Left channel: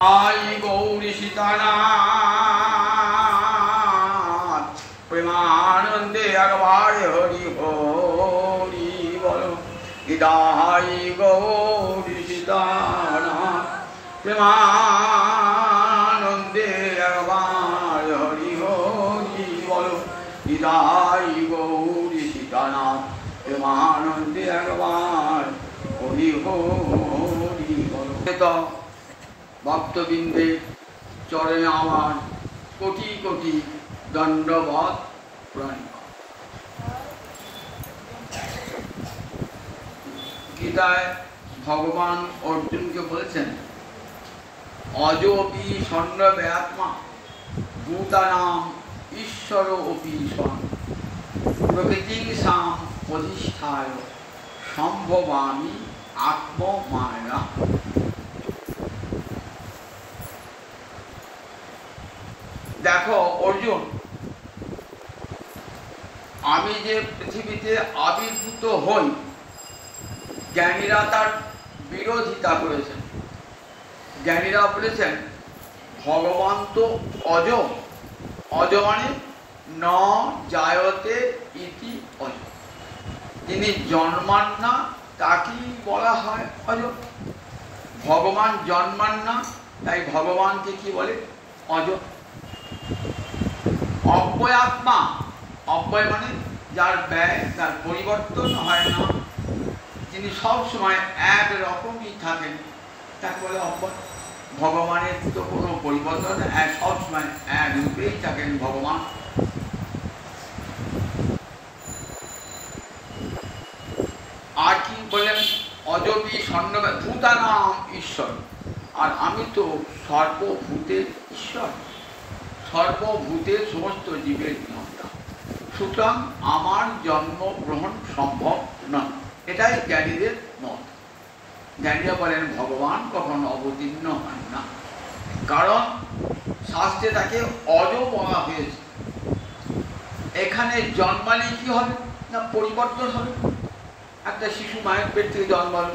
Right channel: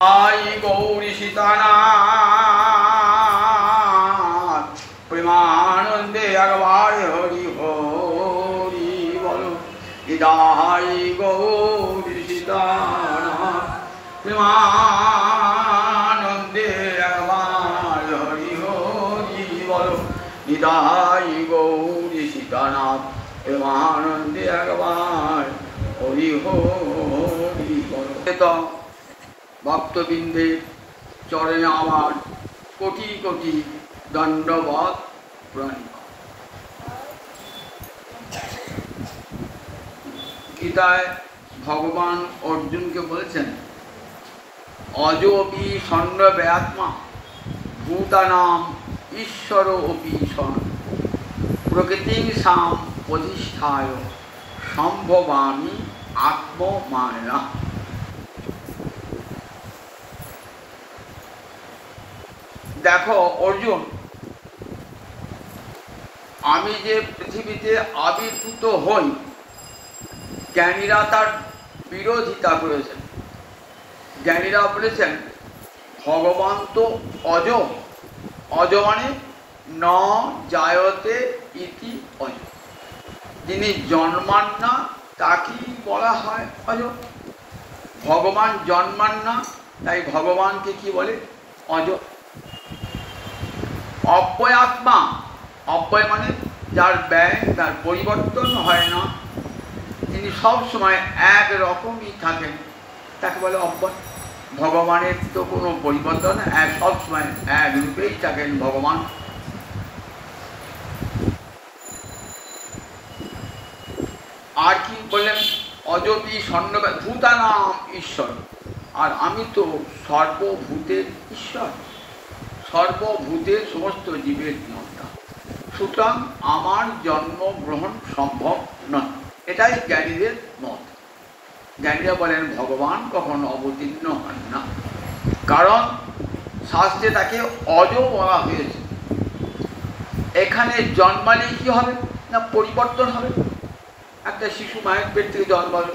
आई गौरी सीतानाथ प्रेमानंदे अगवार हरि हरि बोलो। इदाई गौरी सीतानाथ प्रेमानंदे अगवार हरि हरि बोलो। इदाई गौरी सीतानाथ प्रेमानंदे अगवार हरि हरि बोलो। भक्तबिंदे चरणे आमार कोटि कोटि दंडवत प्रणाम। गीताय भगवान अर्जुन के बोलছেন अजोपि षण्डव्यात्मा भूतानाम ईश्वर अपि सन प्रकृतिं साम अधिष्ठाय संभवामि आत्ममाया। देखो अर्जुन आमी जे पृथ्वीते आविर्भूत हई ज्ञानीरा तार विरोधिता करेছেন। ज्ञानीरा বলেছেন भगवान तो अज अज माने न जायते इति अज যিনি জন্মান না তাকেই বলা হয় অজ। ভগবান জন্মান না তাই ভগবানকে কি বলে অজ। अव्यय आत्मा अव्यय माने जार व्यय तार परिवर्तन है ना जिनि सब समय एक रकम ही थाकेन ताके बोले अव्यय। भगवानेर तो कोनो परिवर्तन एक सब समय एक रूपेई थाकेन भगवान। आर कि बोलेन अजपि षण्डव्यात्मा भूतानाम ईश्वर और आमी तो सर्वभूतेर ईश्वर सर्वभूते समस्त जीवेर नियंता सुतरां आमार जन्म ग्रहण सम्भव नय एटाई ज्ञानीदेर मत। ज्ञानीरा बोलेन भगवान कखनो अवतीर्ण हन ना कारण शास्त्रे ताके अज बला हयेछे। एखाने जन्माले कि हबे ना परिवर्तन हबे। एकटा शिशु मायेर पेट थेके जन्मालो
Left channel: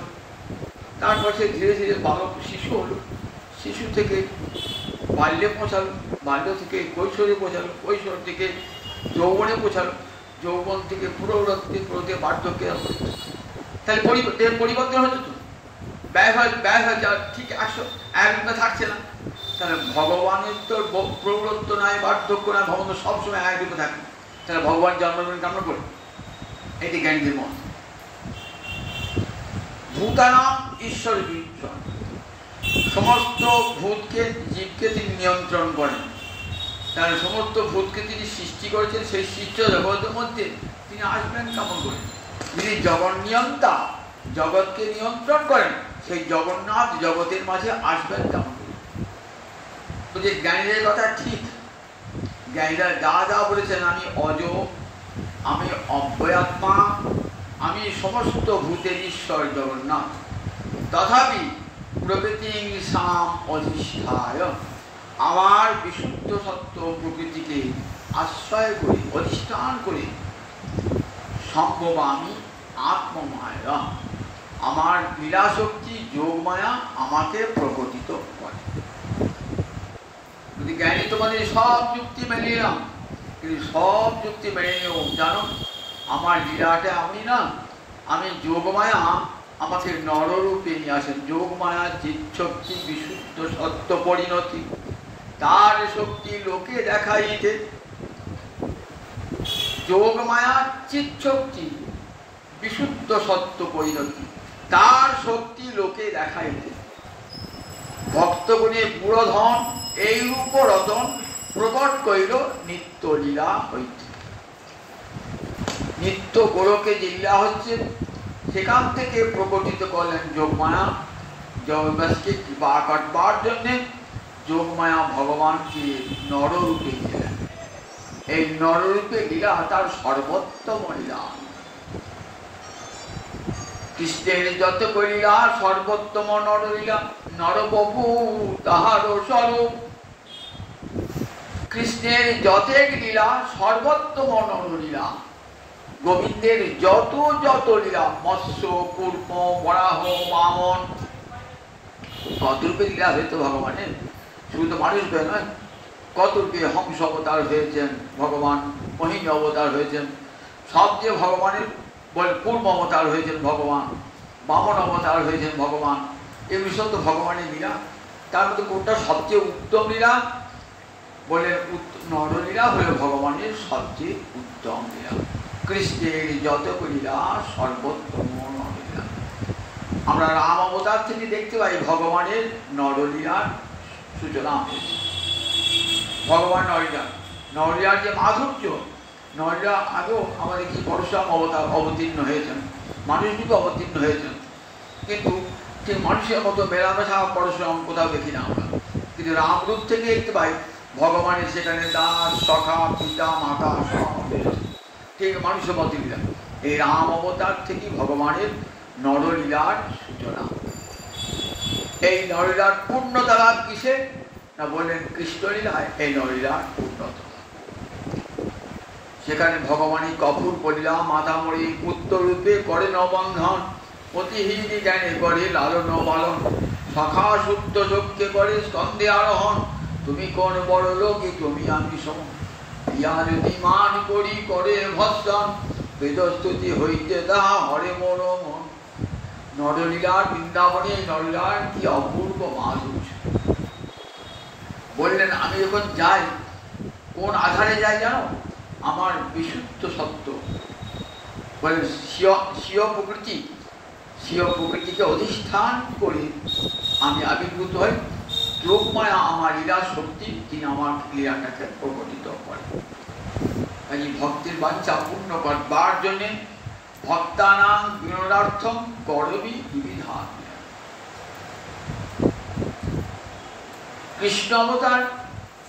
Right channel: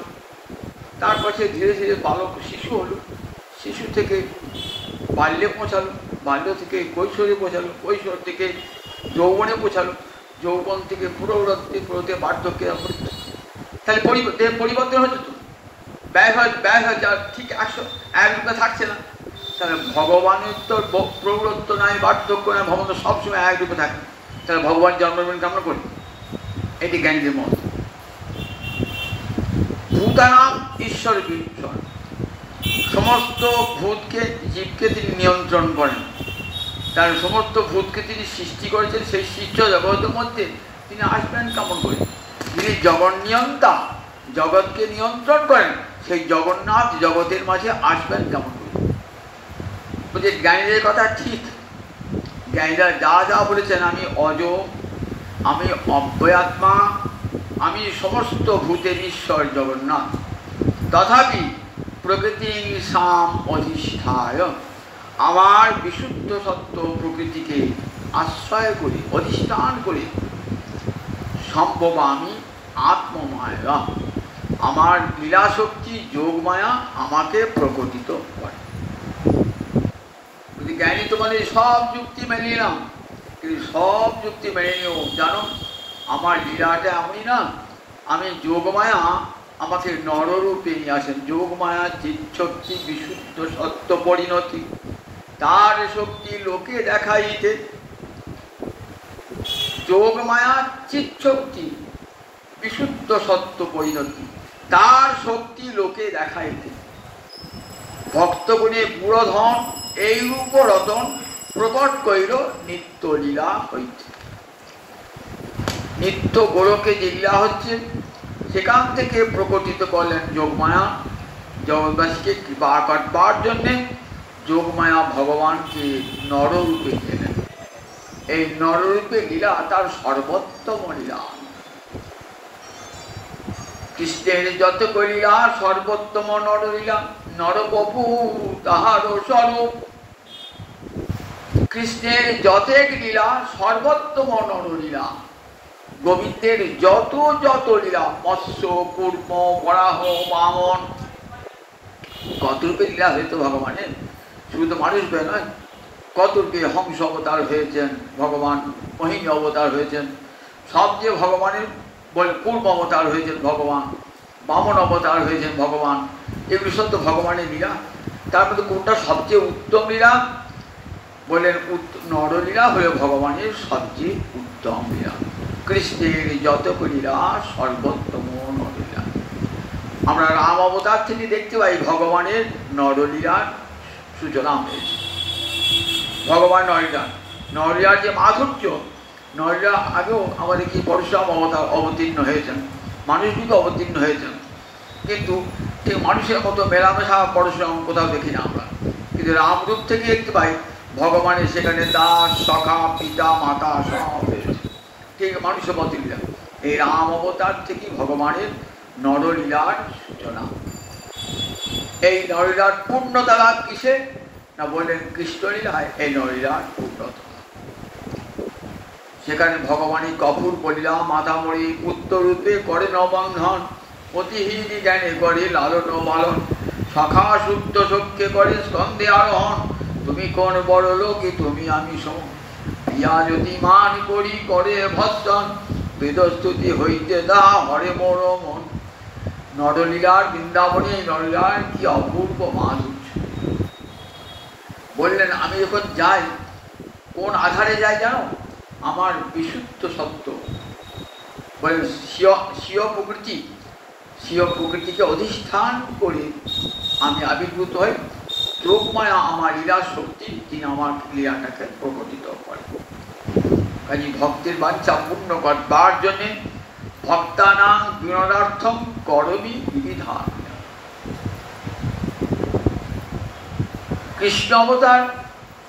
तारपर से धीरे धीरे बालक शिशु हलो शिशु थेके बाल्ये पौঁছালো बाल्य থেকে কৈশোরে পৌঁছালো কৈশোর থেকে যৌবনে পৌঁছালো যৌবন থেকে প্রৌঢ়ত্বে প্রৌঢ়ত্বে বার্ধক্যে আসলো। তাহলে পরিবর্তন হচ্ছে তো ব্যয় হয় যা ঠিক একরূপে থাকছে না। তাহলে ভগবানের তো প্রৌঢ়ত্ব নাই বার্ধক্য নাই ভগবান তো সবসময় একরূপে থাকে। তাহলে ভগবান জন্মগ্রহণ কামনা করে এটি জ্ঞানীদের মত। ভূতানাম ঈশ্বর ঈশ্বর समस्त भूत के जीव के তিনি নিয়ন্ত্রণ করেন। তার সমস্ত ভূতকে তিনি সৃষ্টি করেছেন সেই সৃষ্ট জগতের মধ্যে তিনি আসবেন কেমন করে। তিনি জগন্নিয়ন্তা জগৎকে নিয়ন্ত্রণ করেন সেই জগন্নাথ জগতের মাঝে আসবেন কেমন করে। বলছে জ্ঞানীদের কথা ঠিক। জ্ঞানীরা যা যা বলেছেন আমি অজ আমি অব্যয়াত্মা আমি সমস্ত ভূতের ঈশ্বর জগন্নাথ তথাপি प्रकृति साम अधिष्ठाय आमार विशुद्ध सत्य प्रकृति के आश्रय करे अधिष्ठान करे सम्भवामि आत्ममाया आमार लीला शक्ति जोग माया आमाके प्रकटित करे। ज्ञानी तुम्हारे सब जुक्ति मेने निलाम किन्तु सब जुक्ति मेने निओ जानो आमार लीलाटा आमी ना आमी जोग माया আমাকে নররূপে নিয়ে আসেন। যোগ মায়া চিৎশক্তি বিশুদ্ধ সত্য পরিণতি তার শক্তি লোকে দেখাইতে। যোগ মায়া চিৎশক্তি বিশুদ্ধ সত্য পরিণতি তার শক্তি লোকে দেখাইতে। ভক্তগুণে পুরোধন এই রূপ রতন প্রকট কইল নিত্য লীলা হইতে। নিত্য গোলকে যে লীলা হচ্ছে সেখান থেকে প্রকটিত করলেন যোগমায়া জগৎবাসীকে কৃপা করবার জন্যে যোগমায়া ভগবানকে নররূপে দিলেন। এই নররূপে লীলা তার সর্বোত্তম লীলা। কৃষ্ণের যত লীলা সর্বোত্তম নরলীলা নরবপু তাহার স্বরূপ। কৃষ্ণের যতেক লীলা সর্বোত্তম নরলীলা গোবিন্দের যত যত লীলা মৎস্য কূর্ম বরাহ বামন কত রূপে লীলা হয়েছে ভগবানের, শুধু তো মানুষ হয়ে নয়, কত রূপে হংস অবতার হয়েছেন ভগবান, মহিম অবতার হয়েছেন, সব যে ভগবানের বলে পূর্ব অবতার হয়েছেন ভগবান, বামন অবতার হয়েছেন ভগবান, এগুলো সব তো ভগবানের লীলা। তার মধ্যে কোনটা সবচেয়ে উত্তম লীলা? বলেন নরলীলা হয়ে ভগবানের সবচেয়ে উত্তম লীলা। কৃষ্ণের যত লীলা সর্বোত্তম নরলীলা। আমরা রাম অবতার থেকে দেখতে পাই ভগবানের নরলীলার সূচনা হয়েছে। ভগবান নরলীলার যে মাধুর্য, নরলীলা আগেও আমাদের কি পরশুরাম অবতার অবতীর্ণ হয়েছেন, মানুষ কিন্তু অবতীর্ণ হয়েছেন, কিন্তু ঠিক মানুষের মতো মেলামেশা পরশুরাম কোথাও দেখি না আমরা। কিন্তু রামরূপ থেকে দেখতে পাই ভগবানের সেখানে দাস, সখা, পিতা, মাতা সব হয়েছে, ঠিক মানুষের মতো লীলা। এই রাম অবতার থেকে ভগবানের নরলীলার সূচনা। এই নরলীলার পূর্ণতা কিসে না বললেন কৃষ্ণলীলায় এই নরলীলার পূর্ণতা। সেখানে ভগবানই কপুর বলিলা মাতামরি পুত্ররূপে করে নবন্ধন, অতিহীন জ্ঞানে করে লালন পালন, সখা শুদ্ধ সখ্যে করে স্কন্ধে আরোহণ, তুমি কোন বড় লোকে তুমি আমি সম, ইয়া যদি মান করি করে ভৎসন, বেদস্তুতি হইতে দা হরে মোর মন। নরলীলার বৃন্দাবনে এই নরলীলার কি অপূর্ব মাধুর্য। বললেন আমি যখন যাই কোন আধারে যাই জানো? আমার বিশুদ্ধ সত্য বলেন স্বীয় প্রকৃতিকে অধিষ্ঠান করে আমি আবির্ভূত হই। যোগমায়া আমার লীলা শক্তি, তিনি আমার লীলাটাকে প্রকটিত করেন। কাজে ভক্তের বাঞ্ছা পূর্ণ করবার জন্যে ভক্তানাং বিনোদার্থম করবি বিবিধান। কৃষ্ণ অবতার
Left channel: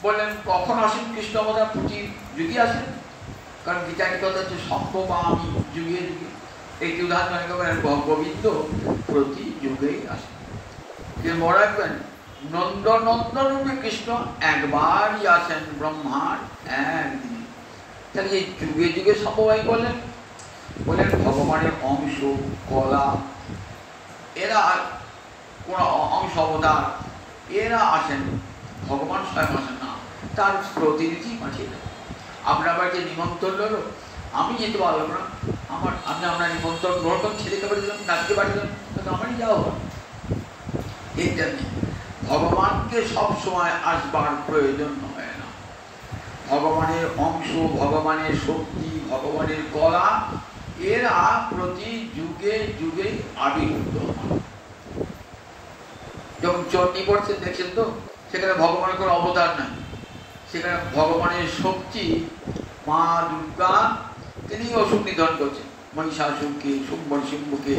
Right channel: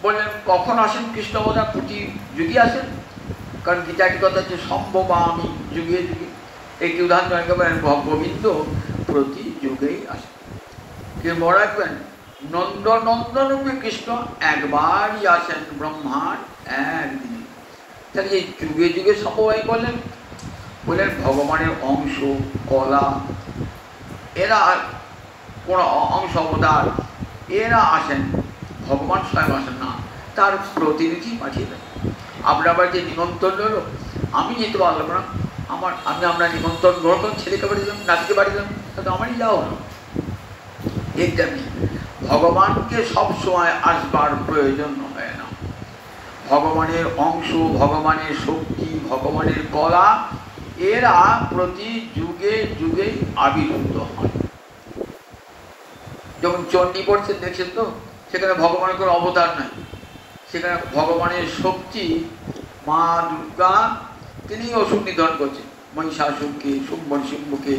বললেন কখন আসেন? কৃষ্ণ অবতার প্রতি যুগে আসেন, কারণ গীতাটি কথা হচ্ছে সম্ভব আমি যুগে যুগে। একটি উদাহরণ গোবিন্দ প্রতি যুগেই আসেন। কিন্তু মনে রাখবেন নন্দনন্দনরূপী কৃষ্ণ একবারই আসেন ব্রহ্মার একদিনে। তাহলে এই যুগে যুগে সম্ভব করলেন বললেন ভগবানের অংশ কলা, এরা কোন অংশ অবতার, এরা আসেন, ভগবান স্বয়ং আসেন না, তার প্রতিনিধি পাঠিয়ে দেন। আপনার বাড়িতে নিমন্ত্রণ হলো, আমি যেতে পারলাম না, আমি আপনার নিমন্ত্রণ গ্রহণ ছেলেকে বাড়ি দিলাম, নাতিকে বাড়ি দিলাম, তো আমারই যাওয়া হলো। তেমনি ভগবানকে সবসময় আসবার প্রয়োজন হয় না। ভগবানের অংশ, ভগবানের শক্তি, ভগবানের কলা, এরা প্রতি যুগে যুগে আবির্ভূত হয়। যখন চণ্ডী পড়ছেন দেখছেন তো, সেখানে ভগবানের কোনো অবতার নাই, সেখানে ভগবানের শক্তি মা দুর্গা তিনি অসুর নিধন করছেন, মহিষাসুরকে, শুম্ভকে,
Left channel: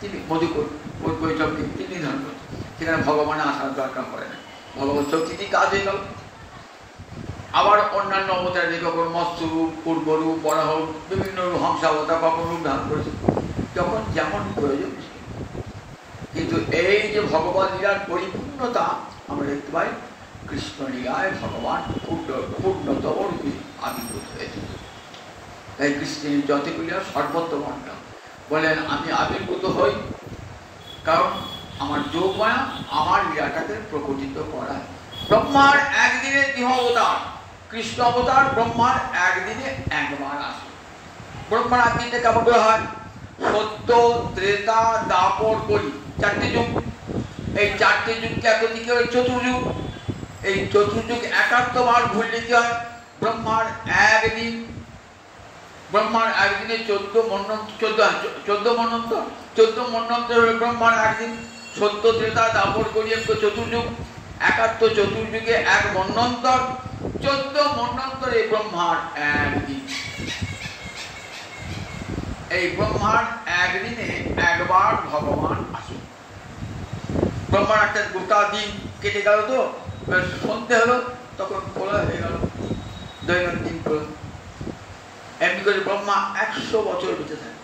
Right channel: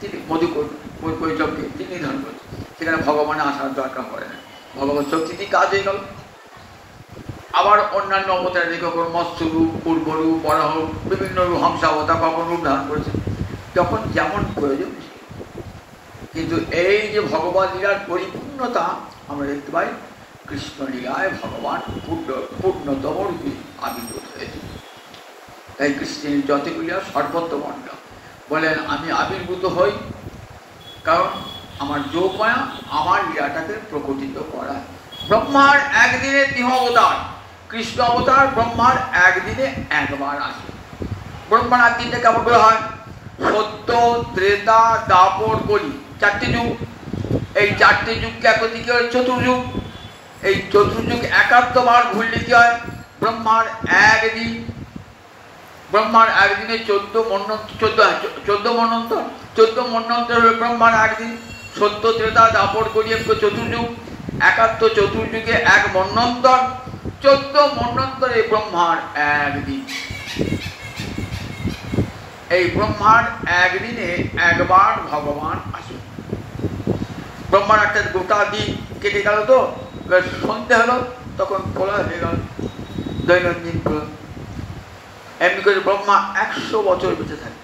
তিনি মধুকৈটবকে তিনি নিধন করছেন। সেখানে ভগবান আসার দরকার পড়ে না, ভগবান শক্তি কাজ হয়ে গেল। আবার অন্যান্য অবতার কখন মৎস্যরূপ, পূর্বরূপ, বরাহ, বিভিন্ন রূপ, হংসাবতার কখন রূপ ধারণ করেছে, যখন যেমন প্রয়োজন ছিল। কিন্তু এই যে ভগবত লীলার পরিপূর্ণতা আমরা দেখতে পাই কৃষ্ণ লীলায় ভগবান পূর্ণতম রূপে আবির্ভূত হয়েছে। তাই কৃষ্ণের যতগুলি সর্বোত্তম বলেন আমি আবির্ভূত হই, কারণ আমার যোগমায়া আমার লীলাটাকে প্রকটিত করা। ব্রহ্মার একদিনে গৃহ অবতার, কৃষ্ণ অবতার ব্রহ্মার একদিনে একবার আসে। ব্রহ্মার একদিনে কেমন করে হয়? সত্য, ত্রেতা, দাপর, কলি, চারটে যুগ। এই চারটে যুগকে একদিকে চতুর্যুগ। এই চতুর্যুগ একাত্তবার ঘুরলে কি হয়? ব্রহ্মার একদিন। ব্রহ্মার একদিনে 14 মন্বন্তর হয়ে ব্রহ্মার একদিন। সত্য, ত্রেতা, দাপর, কলি চতুর্যুগ, একাত্তর চতুর্যুগে এক মন্বন্তর, 14 মন্বন্তরে ব্রহ্মার একদিন। এই ব্রহ্মার একদিনে একবার ভগবান আসেন। ব্রহ্মার একটা গোটা দিন কেটে গেল, তো সন্ধ্যে হলো, তখন প্রলয় হয়ে গেল, দৈনন্দিন প্রলয়। এমনি করে ব্রহ্মা 100 বছর বেঁচে থাকে।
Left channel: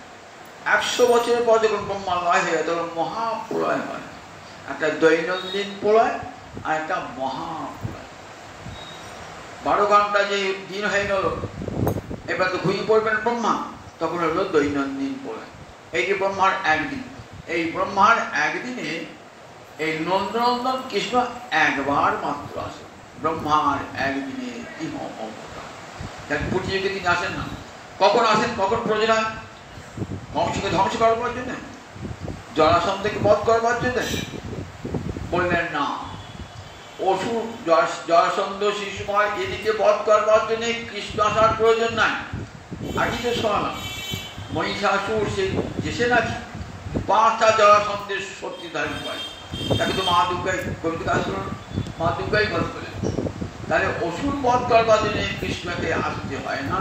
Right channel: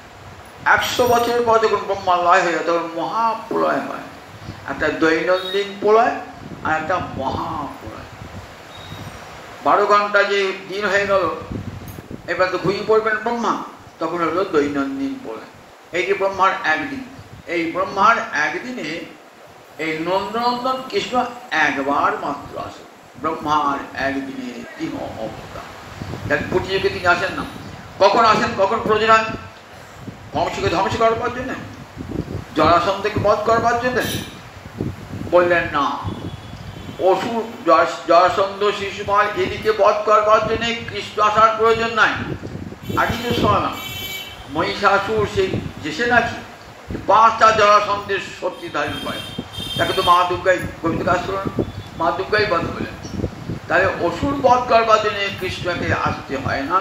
100 বছরের পর যখন ব্রহ্মা লয় হয়ে যায় তখন মহাপ্রলয় হয়। একটা দৈনন্দিন প্রলয় আর একটা মহাপ্রলয়। 12 ঘন্টা যে দিন হয়ে গেল, এবার তো ঘুমিয়ে পড়বেন ব্রহ্মা, তখন হলো দৈনন্দিন প্রলয়। এই যে ব্রহ্মার একদিন, এই ব্রহ্মার একদিনে এই নন্দনন্দন কৃষ্ণ একবার মাত্র আসে, ব্রহ্মার একদিনে ইহ অবতার। তার প্রতিযোগে তিনি আসেন না। কখন আসেন, কখন প্রয়োজন হয়? বংশকে ধ্বংস করবার জন্য, জরাসন্ধকে বধ করবার জন্য? বললেন না, অসুর জরাসন্ধ শিশুপাল এদিকে বধ করবার জন্য কৃষ্ণ আসার প্রয়োজন নাই। আগে তো শোনা মহিষাসুর সে নাকি 5টা জরাসন্ধের শক্তি ধারণ করে, তাকে তো মা দুর্গাই কবিতা আসলেন, মা দুর্গাই বধ করলেন। তাহলে অসুর বধ করবার জন্য কৃষ্ণকে আসতে হয় না,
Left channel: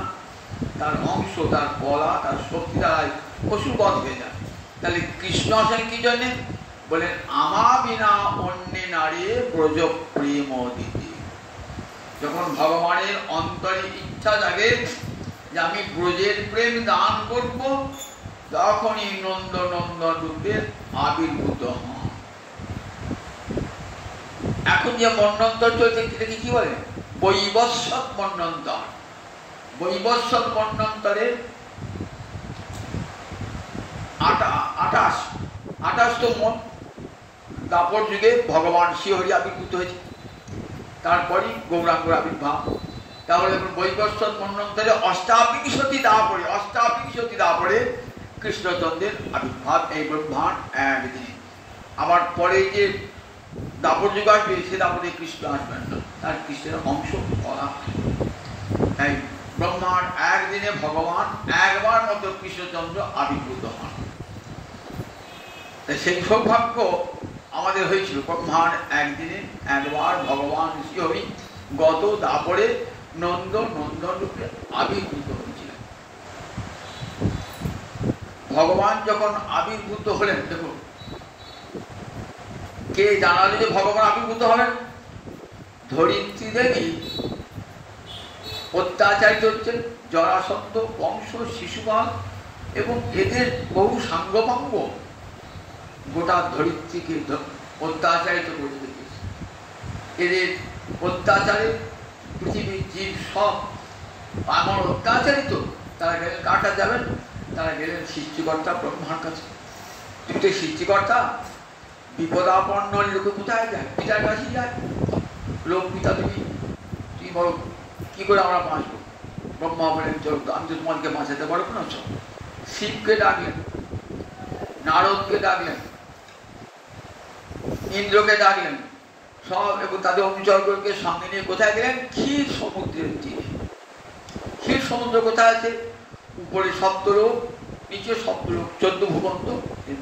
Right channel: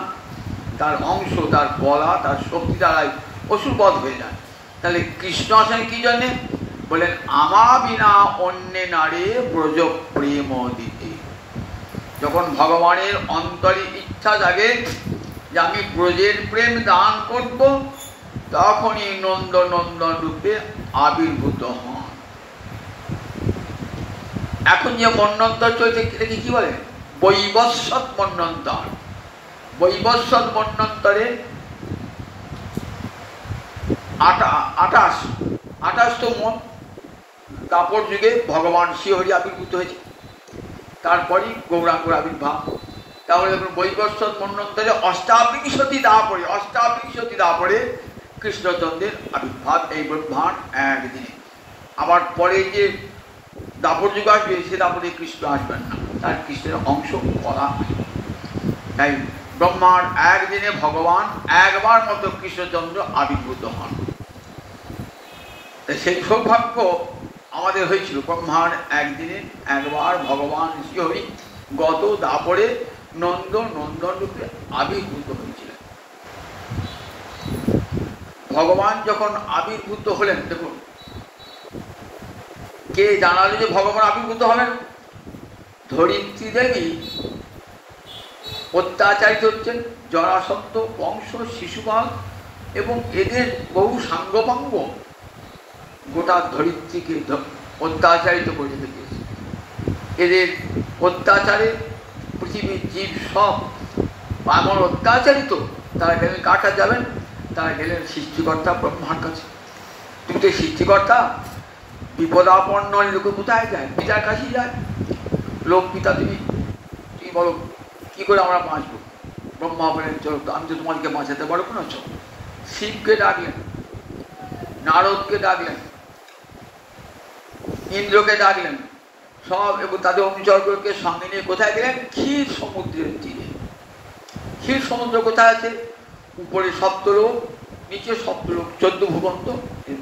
তার অংশ, তার বলা, তার শক্তি দ্বারাই অসুর বধ হয়ে যায়। তাহলে কৃষ্ণ আসেন কি জন্যে? বলেন আমা বিনা অন্যে নারে ব্রজ প্রেম দিতে। যখন ভগবানের অন্তরে ইচ্ছা জাগে যে আমি ব্রজের প্রেম দান করব, তখনই নন্দনন্দন রূপে আবির্ভূত হন। এখন যে মন্বন্তর চলছে এটাকে কি বলে? বৈবস্বত মন্বন্তর। বৈবস্বত মন্বন্তরে 28 মন দাপর যুগে ভগবান শ্রীহরি আবির্ভূত হয়েছে, তারপরই গৌরাঙ্গর আবির্ভাব। তাহলে বৈবস্বত মন্বন্তরে অষ্টাবিংশতি দাপরে কৃষ্ণচন্দ্রের আবির্ভাব, এই ব্রহ্মার একদিনে। আবার পরে যে দাপর যুগ আসবে, সে দাপরে কৃষ্ণ আসবেন না, তার কৃষ্ণের অংশ করা। তাই ব্রহ্মার একদিনে ভগবান একবার মতো কৃষ্ণচন্দ্র আবির্ভূত হন। সেই সৌভাগ্য আমাদের হয়েছিল, ব্রহ্মার একদিনে একবার ভগবান শ্রীহরি গত দাপরে নন্দন রূপে আবির্ভূত হয়েছিল। ভগবান যখন আবির্ভূত হলেন, দেখুন কে জানালো যে ভগবান আবির্ভূত হলেন? ধরিত্রী দেবী অত্যাচারিত হচ্ছেন, জরাসন্ধ বংশ, শিশুপাল এবং এদের বহু সাঙ্গপাঙ্গ গোটা ধরিত্রীকে অত্যাচারিত করে দিয়েছে। এদের অত্যাচারে পৃথিবীর জীব সব এমন অত্যাচারিত, তারা গেলেন কার কাছে যাবেন? তারা গেলেন সৃষ্টিকর্তা ব্রহ্মার কাছে। তুমি তো সৃষ্টিকর্তা, বিপদাপন্ন লোকে কোথায় যায়? পিতার কাছেই যায়। লোক পিতা, তুমি বলো কি করে আমরা বাঁচবো? ব্রহ্মা বলেন চলো, আমি তো তোমাদেরকে বাঁচাতে পারবো না। চলো, শিবকে ডাকলেন, নারদকে ডাকলেন, ইন্দ্রকে ডাকলেন, সব এবং তাদের অনুচরকে সঙ্গে নিয়ে কোথায় গেলেন? ক্ষীর সমুদ্রের তীরে। ক্ষীর সমুদ্র কোথায় আছে? উপরে সপ্তলোক, নিচে সপ্তলোক, 14 ভূমন্ত,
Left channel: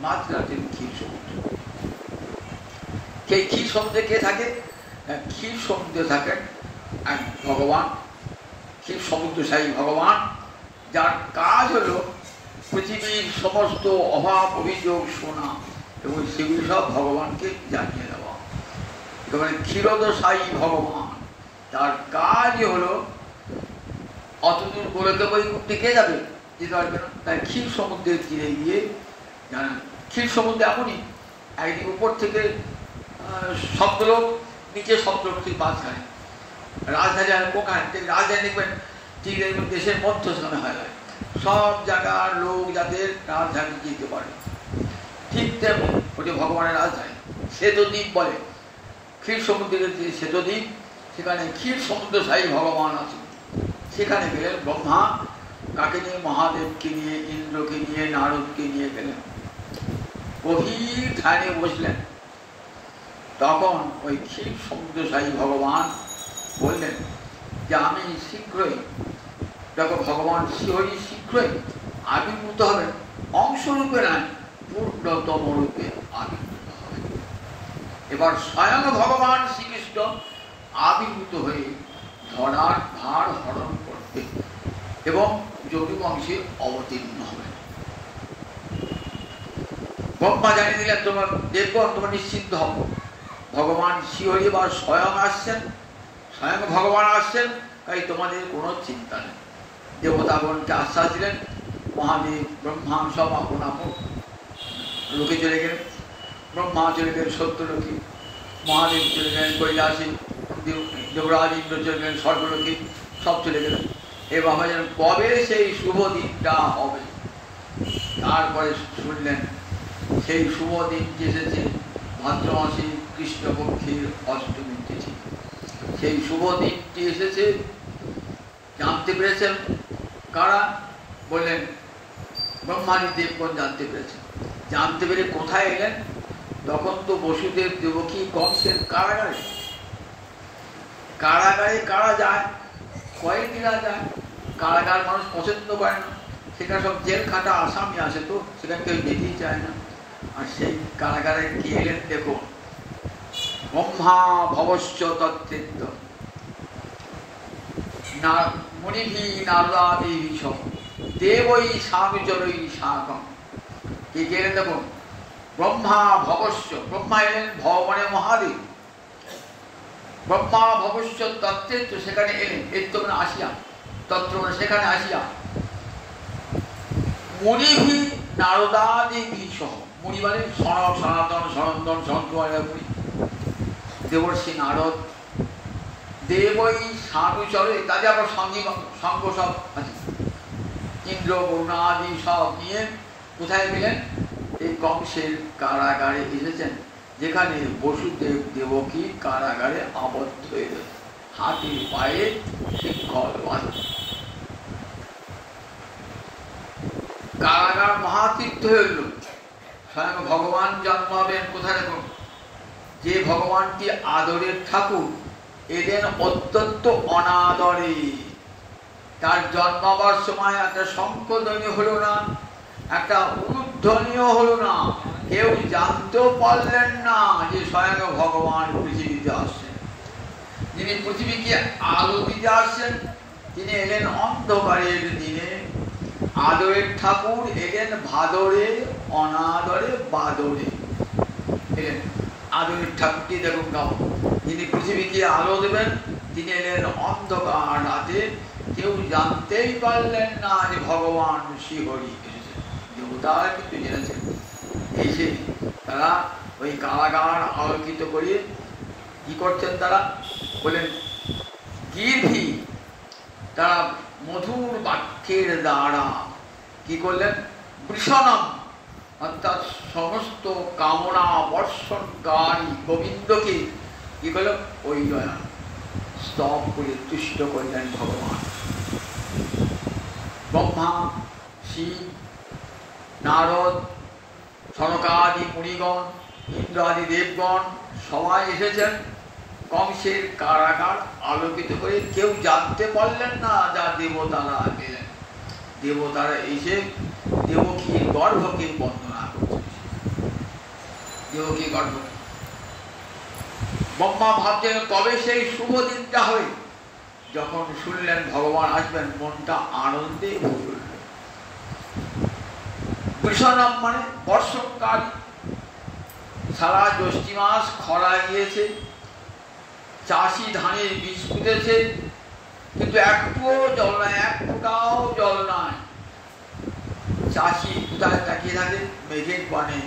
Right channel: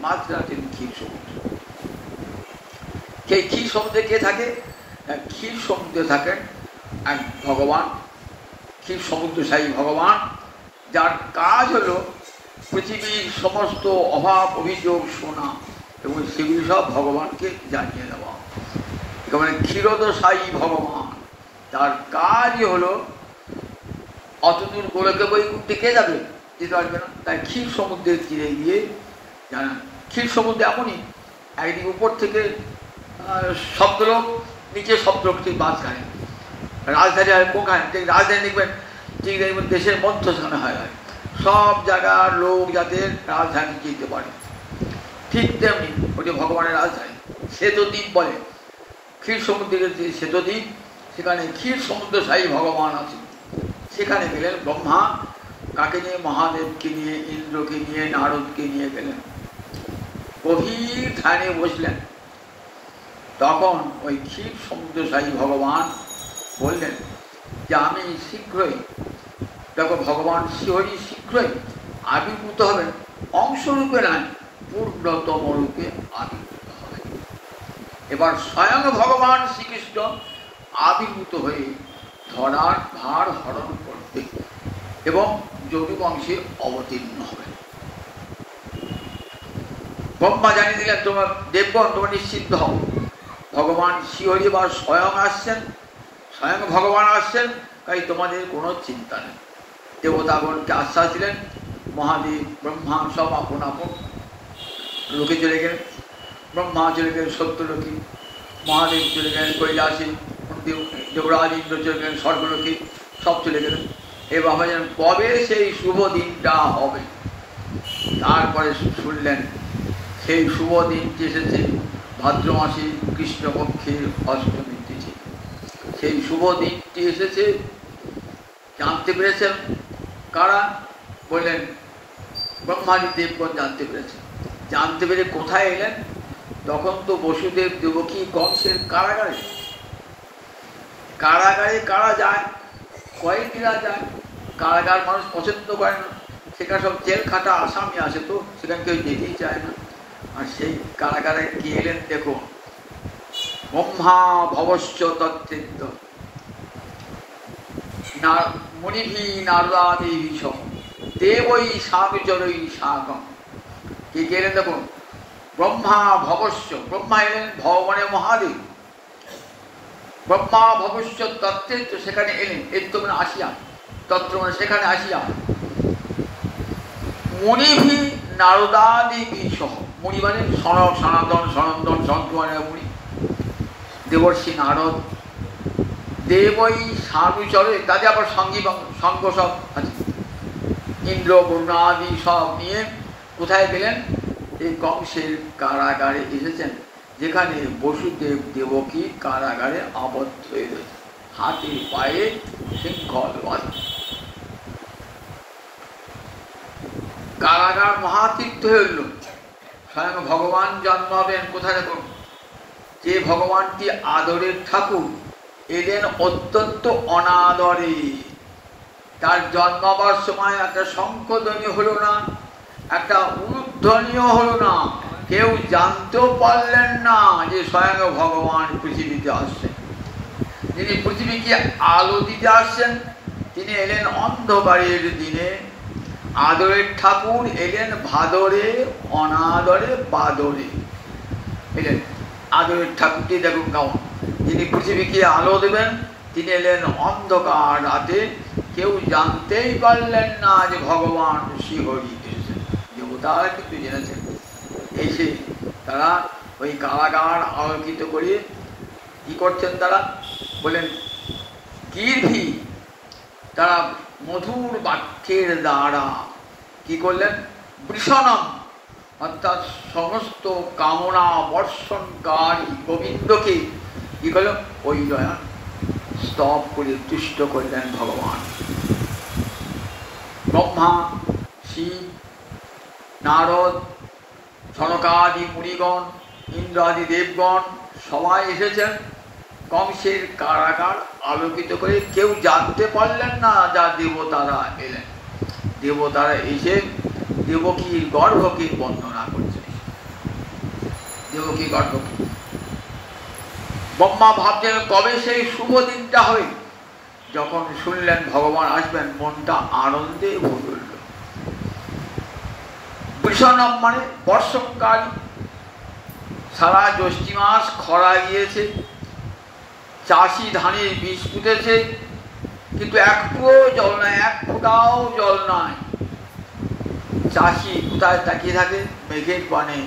মাঝখানে আছেন ক্ষীর সমুদ্র। কে ক্ষীর সমুদ্রে কে থাকে? ক্ষীর সমুদ্রে থাকেন এক ভগবান, ক্ষীর সমুদ্রশায়ী ভগবান, যার কাজ হলো পৃথিবীর সমস্ত অভাব অভিযোগ শোনা এবং সেগুলি সব ভগবানকে জানিয়ে দেওয়া। মানে ক্ষীরোদশায়ী ভগবান, তার কাজই হলো অতদিন গোলকে বই টিকে যাবে, যেতে পারবে না। তাই ক্ষীর সমুদ্রের তীরে গিয়ে জানেন, ক্ষীর সমুদ্রে এমনই একদিকে উপর থেকে সপ্তলোক, নিচে সপ্তলোক, ঠিক মাঝখানে। রাজধানী হয় কোখানে? ঠিক রাজধানী দেখবেন, ঠিক দেখবেন দেশের মধ্যস্থানে হয়। সব জায়গার লোক যাতে রাজধানী যেতে পারে, ঠিক তেমনি ওটি ভগবানের রাজধানী। শ্বেতদ্বীপ বলে, ক্ষীর সমুদ্রের যে শ্বেতদ্বীপ, সেখানে ক্ষীর সমুদ্রশায়ী ভগবান আছে। সেখানে গেলেন ব্রহ্মা, কাকে নিয়ে? মহাদেবকে নিয়ে, ইন্দ্রকে নিয়ে, নারদকে নিয়ে গেলেন। গভীর ধ্যানে বসলেন। তখন ওই ক্ষীর সমুদ্রশায়ী ভগবান বললেন যে আমি শীঘ্রই, দেখো ভগবান শ্রীহরি শীঘ্রই আবির্ভূত হবেন, অংশরূপে নয়, পূর্ণতম রূপে আবির্ভূত হবেন। এবার স্বয়ং ভগবান শ্রীকৃষ্ণ আবির্ভূত হয়ে ধরার ভার হরণ করতে এবং যদু বংশে অবতীর্ণ হবে। ব্রহ্মা জানিয়ে দিলেন, তোমার দেবগণ তোমরা নিশ্চিন্ত হও, ভগবান শ্রীহরি বা স্বয়ং আসছেন, স্বয়ং ভগবান আসছেন, তাই তোমাদের কোনো চিন্তা নেই। দেবতাগণকে আশ্বাস দিলেন। মহাদেব ব্রহ্মা সব আপন আপন লোকে চলে গেলেন। ব্রহ্মা চলে গেলেন সত্যলোকে, মহাদেব চলে গেলেন কৈলাসে, দেবরাজ ইন্দ্র চলে গেলেন স্বর্গলোকে, সব চলে গেলেন। এবার ভাবলেন কবে সেই শুভ দিনটা হবে। তারপরে শুনলেন সেই শুভ দিনটি এসেছে ভাদ্র মাসে কৃষ্ণপক্ষের অষ্টমী তিথি। সেই শুভ দিনটি এসেছে, জানতে পেরেছেন কারা? বললেন ব্রহ্মাদি দেবগণ জানতে পেরেছেন। জানতে পেরে কোথায় এলেন? তখন তো বসুদেব দেবকী কংসের কারাগারে। কারাগারে কারা যায়? কয়েদিরা যায়। কারাগার মানুষ পছন্দ করেন না, সেখানে সব জেল খাটা আসামি আছে, তো সেখানে কেউ যেতেই চায় না। আর সেই কারাগারে কি এলেন দেখুন, ব্রহ্মা ভবশ্চ তত্ত্বিত মুনিভি নারদাদি সহ দেবৈ সানুচরৈ সাগম। কি গেলেন দেখুন, ব্রহ্মা ভবশ্য, ব্রহ্মা এলেন ভগবানে মহাদেব। ব্রহ্মা ভবশ্য তত্ত্বিত, সেখানে এলেন, এর তো মানে আসিয়া, তত্ত্ব মানে সেখানে আসিয়া। মুনিভি নারদাদি সহ, মুনি মানে সনক সনাতন সনন্দন সন্তমানের মুনি, দেবর্ষি নারদ, দেবই সানুচরে, তাদের আবার সঙ্গী সঙ্গ সব ইন্দ্র বরুণাদি সব নিয়ে কোথায় গেলেন? এই কংসের কারাগারে এসেছেন, যেখানে বসুদেব দেবকী কারাগারে আবদ্ধ হয়ে হাতে পায়ে শিক্ষল বাঁধে। কারাগার মহাতীর্থ হইল, স্বয়ং ভগবান জন্মাবেন কোথায় দেখুন। যে ভগবানটি আদরের ঠাকুর এলেন অত্যন্ত অনাদরে। তার জন্মাবার সময় একটা শঙ্খধ্বনি হলো না, একটা উলুধ্বনিও হলো না, কেউ জানতেও পারলেন না যে স্বয়ং ভগবান পৃথিবীতে আসছেন। যিনি পৃথিবীকে আলো দিতে আসছেন তিনি এলেন অন্ধকারের দিনে। আদরের ঠাকুর এলেন ভাদরে, অনাদরে বাদরে এলেন। আদরের ঠাকুরটি দেখুন কেমন, যিনি পৃথিবীকে আলো দেবেন তিনি এলেন অন্ধকার রাতে। কেউ জানতেই পারলেন না যে ভগবান শ্রীহরি এসেছেন। দেবতারা কিন্তু জেনেছেন। এসে তারা ওই কারাগার আলোকিত করে কি করছেন? তারা বলেন গিরভি, তারা মধুর বাক্যের দ্বারা কি করলেন? বৃষণম, অর্থাৎ সমস্ত কামনা বর্ষণকারী গোবিন্দকে কি করলেন? ওই দয়ান স্তব করে তুষ্ট করলেন ভগবান। ব্রহ্মা, শিব, নারদ, সনকাদি মুনিগণ, ইন্দ্রাদি দেবগণ সবাই এসেছেন কংসের কারাগার আলোকিত করে। কেউ জানতে পারলেন না যা দেবতারা এলেন। দেবতারা এসে দেবকীর গর্ভকে বন্দনা করছে। দেবকী গর্ভকে ব্রহ্মা ভাবছেন কবে সেই শুভ দিনটা হবে। যখন শুনলেন ভগবান আসবেন, মনটা আনন্দে ভরে উঠল। বৃষণম মানে বর্ষণকালী। সারা জ্যৈষ্ঠ মাস খরা গিয়েছে, চাষি ধানের বীজ পুঁতেছে, কিন্তু একটুও জল নাই, এক ফোঁটাও জল নাই। চাষি কোথায় তাকিয়ে থাকে? মেঘের পানে,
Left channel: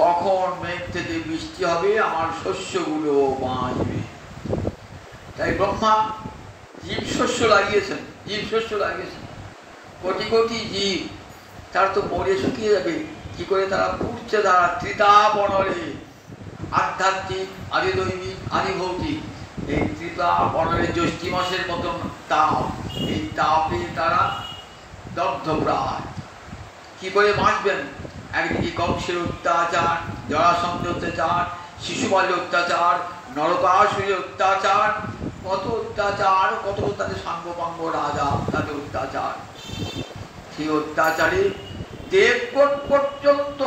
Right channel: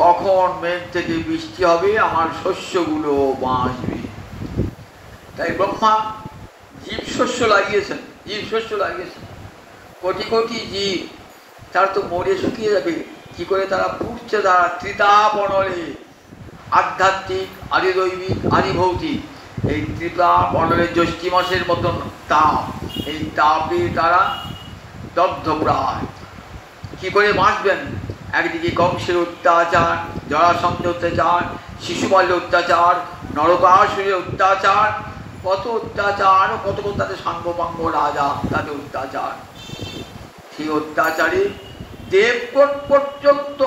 কখন মেঘ থেকে বৃষ্টি হবে, আমার শস্যগুলো বাঁচবে। তাই ব্রহ্মা জীব শস্য লাগিয়েছেন, জীব শস্য লাগিয়েছেন। কোটি কোটি জীব, তারা তো মরে শুকিয়ে যাবে, কি করে তারা পুড়ছে? তারা ত্রিতাপনলে, আধ্যাত্মিক, আদিদৈবিক, আদিভৌতিক। এই ত্রিতাপনলে জ্যৈষ্ঠ মাসের মতন তাপ, এই তাপে তারা দগ্ধপ্রায়। কি করে বাঁচবেন? একদিকে কংসের অত্যাচার, জরাসন্ধের অত্যাচার, শিশুপালের অত্যাচার, নরকাসুরের অত্যাচার, কত অত্যাচার, কত তাদের সাঙ্গপাঙ্গ রাজা, তাদের অত্যাচার। সেই অত্যাচারে দেবগণ পর্যন্ত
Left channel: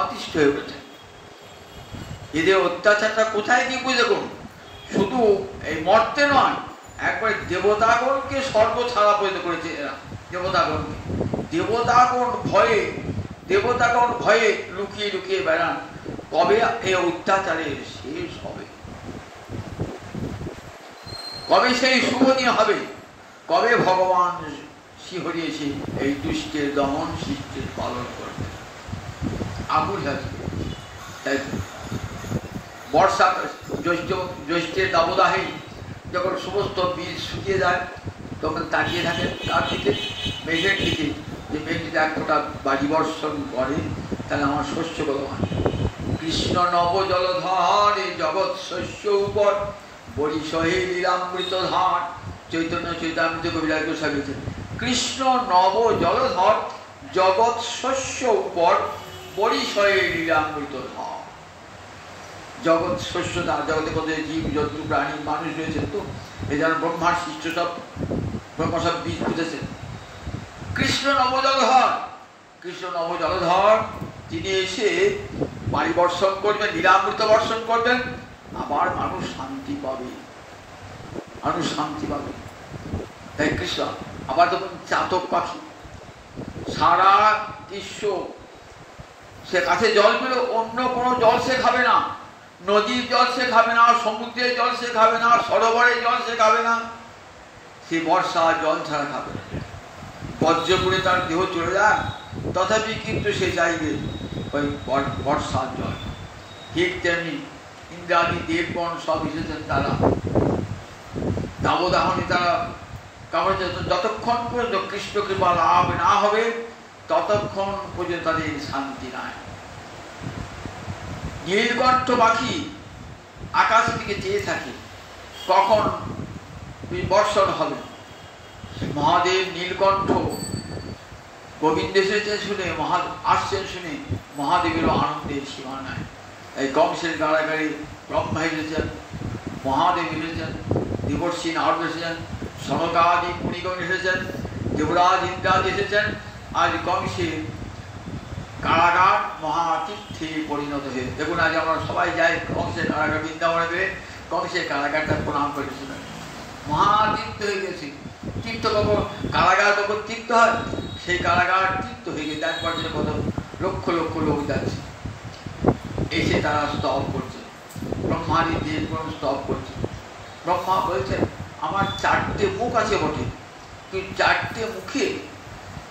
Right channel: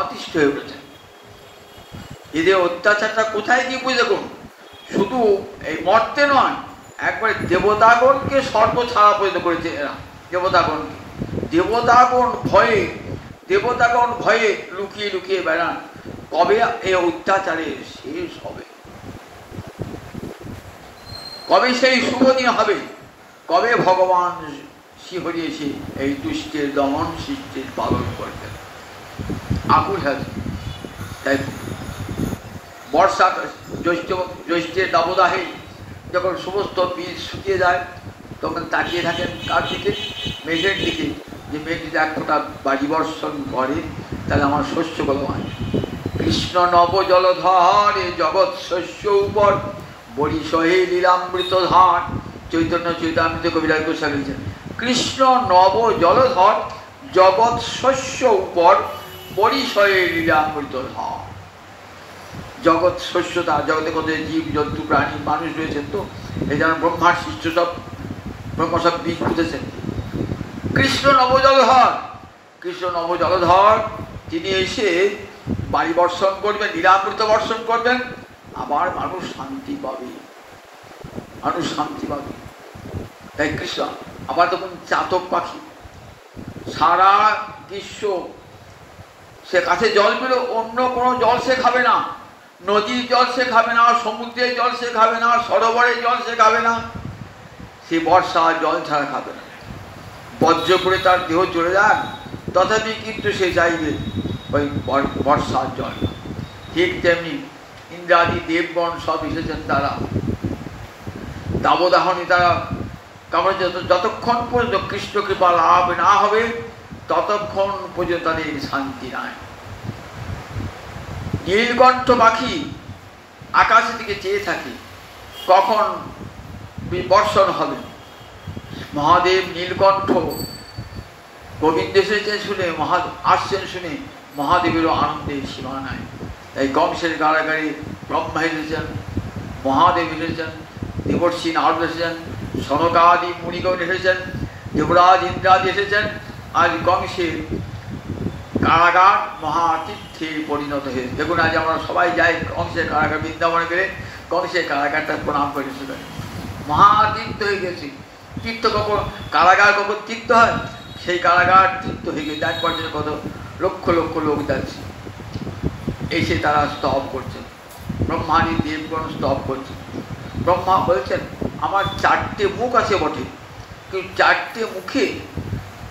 অতিষ্ঠ হয়ে ওঠে। এদের অত্যাচারটা কোথায় গিয়ে বুঝে দেখুন, শুধু এই মর্তে নয়, একবারে দেবতাগণকে সর্বছাড়া পরিণত করেছে এরা। দেবতাগণকে, দেবতাগণ ভয়ে লুকিয়ে লুকিয়ে বেড়ান। কবে এই অত্যাচারের শেষ হবে? কবে সেই শুভ দিন হবে? কবে ভগবান শ্রীহরি এসে এই দুষ্টের দমন সৃষ্টির পালন করবেন? আকুল হয়েছে। তাই বর্ষা জ্যৈষ্ঠের দাবদাহে যখন সমস্ত বীজ শুকিয়ে যায়, তখন তাকিয়ে থাকে তার দিকে, মেঘের দিকে, যে মেঘ যদি এক ফোঁটা বাজি বর্ষণ করে তাহলে আমার শস্যগুলো হয়। কৃষ্ণ নব জলধর জগৎ শস্য উপর বরিশহে লীলামৃত ধার। চৈতন্য চৈতামৃত কবিরাজ গোস্বামী লিখেছেন, কৃষ্ণ নব জলধর জগৎ শস্য উপর বরিশহে লীলামৃত ধার। জগৎ শস্য, তার জগতে কত জীব জন্তু প্রাণী মানুষ রয়েছেন, তো এই যেন ব্রহ্মার সৃষ্ট সব, ব্রহ্মা সব বীজ পুঁতেছেন। কৃষ্ণ নবজলধর, কৃষ্ণ নবজলধর, তিনি এসে বাড়ি বর্ষণ করবেন, লীলামৃত বর্ষণ করবেন, আবার মানুষ শান্তি পাবে, মানুষ শান্তি পাবে। তাই কৃষ্ণ আবার তখন চাতক পাখি সারা গ্রীষ্ম সে কাছে জল পেল, অন্য কোনো জল সে খাবে না, নদীর জল সে খাবে না, সমুদ্রের জল সে খাবে না, সরোবরের জল সে খাবে না, সে বর্ষা জল ছাড়া খাবে না। বজ্র করে তার দেহ চলে যান, তথাপি কিন্তু সে চাইবে ওই বর্ষার জল। ঠিক তেমনি ইন্দ্রাদি দেবগণ সব এসেছেন, তারা দাবদাহনী, তারা কারণ যতক্ষণ পর্যন্ত কৃষ্ণ কৃপা লাভ না হবে ততক্ষণ পর্যন্ত তাদের শান্তি নাই। নীলকণ্ঠ পাখি আকাশের দিকে চেয়ে থাকে কখন বর্ষণ হবে। মহাদেব নীলকণ্ঠ গোবিন্দ এসেছে শুনে, আসছেন শুনে মহাদেবেরও আনন্দের সীমা নাই। এই কংসের কারাগারে ব্রহ্মা এসেছেন, মহাদেব এসেছেন, দেবর্ষি নারদ এসেছেন, সনকাদি মুনিগণ এসেছেন, দেবরাজ ইন্দ্রাদি এসেছেন। আজ কংসের কারাগার মহাতীর্থে পরিণত হয়ে, দেখুন আজ আমরা সবাই যাই কংসের কারাগার, বৃন্দাবনে গেলে কংসের কারাগারটা প্রণাম করেছিল, মহাতীর্থ হয়ে গেছে। তীর্থ কখন, কারাগার কখন তীর্থ হয়, সেই কারাগার তীর্থ হয়ে গেছে। একবার জন্য কত লক্ষ লক্ষ লোক যাচ্ছে, এসে তারা স্তব করছেন, ব্রহ্মাদি দেবগণ স্তব করছেন। ব্রহ্মা বলছেন, আমার 4টে মুখ আছে বটে, কিন্তু 4টে মুখে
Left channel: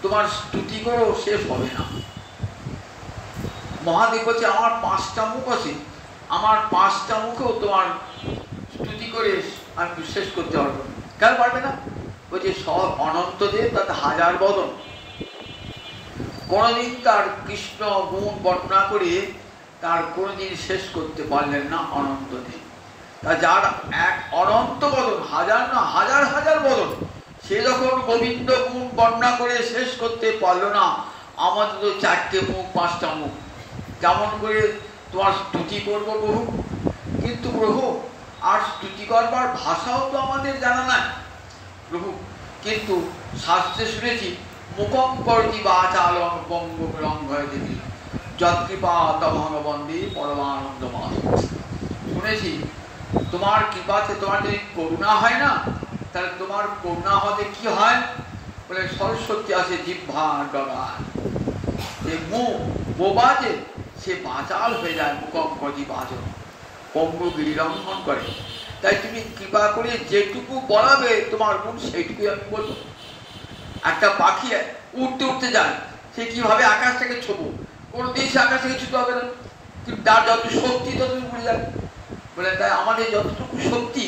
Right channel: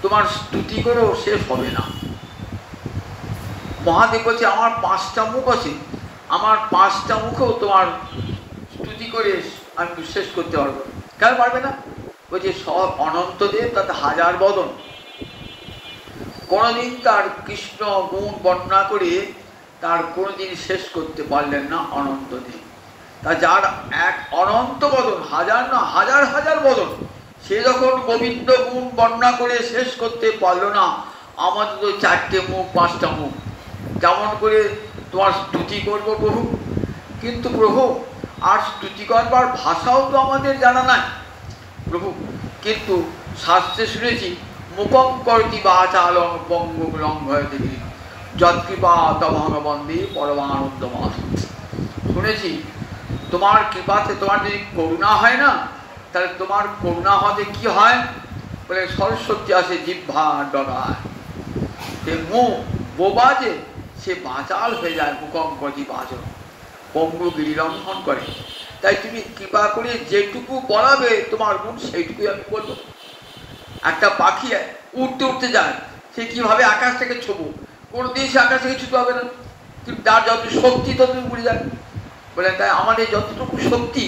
তোমার স্তুতি করেও শেষ হবে না। মহাদেব বলছে, আমার 5টা মুখ আছে, আমার 5টা মুখেও তোমার স্তুতি করে আমি শেষ করতে পারবো। কেন পারবে না? বলছে, সব অনন্তদেব, তাতে 1000 বদন, কোনদিন তার কৃষ্ণ গুণ বর্ণনা করে তার কোনদিন শেষ করতে পারলেন না অনন্তদেব। তা যার এক অনন্ত বদন, 1000 না, হাজার হাজার বদন, সে যখন গোবিন্দ গুণ বর্ণনা করে শেষ করতে পারল না, আমাদের তো 4টে মুখ, 5টা মুখ, যেমন করে তোমার স্তুতি করবো প্রভু, কিন্তু প্রভু আর স্তুতি করবার ভাষাও তো আমাদের জানা নাই প্রভু। কিন্তু শাস্ত্রে শুনেছি, মুখম করতি বাচালং পঙ্গু লঙ্ঘয় দেবী যৎকৃপা তমহং বন্দে পরমানন্দ মাধ। শুনেছি তোমার কৃপাতে, তোমার যদি করুণা হয় না, তাহলে তোমার করুণা হতে কি হয় বলে, সরস্বতী আসে জিহ্বা ডগায়, সে মুখ বোবা যে সে বাচাল হয়ে যায়, মুখম করতি বাচল, পঙ্গু গিরিলঙ্ঘন করে। তাই তুমি কৃপা করে যেটুকু বলাবে তোমার গুণ, সেইটুকুই আমি বলবো। একটা পাখি উঠতে উঠতে যায়, সে কিভাবে আকাশ থেকে ছোবো, কোনদিন সে আকাশ থেকে ছুতে হবে না, কিন্তু তার যত শক্তি ততটুকু উড়ে যাবে। বলে, তাই আমাদের যতটুকু শক্তি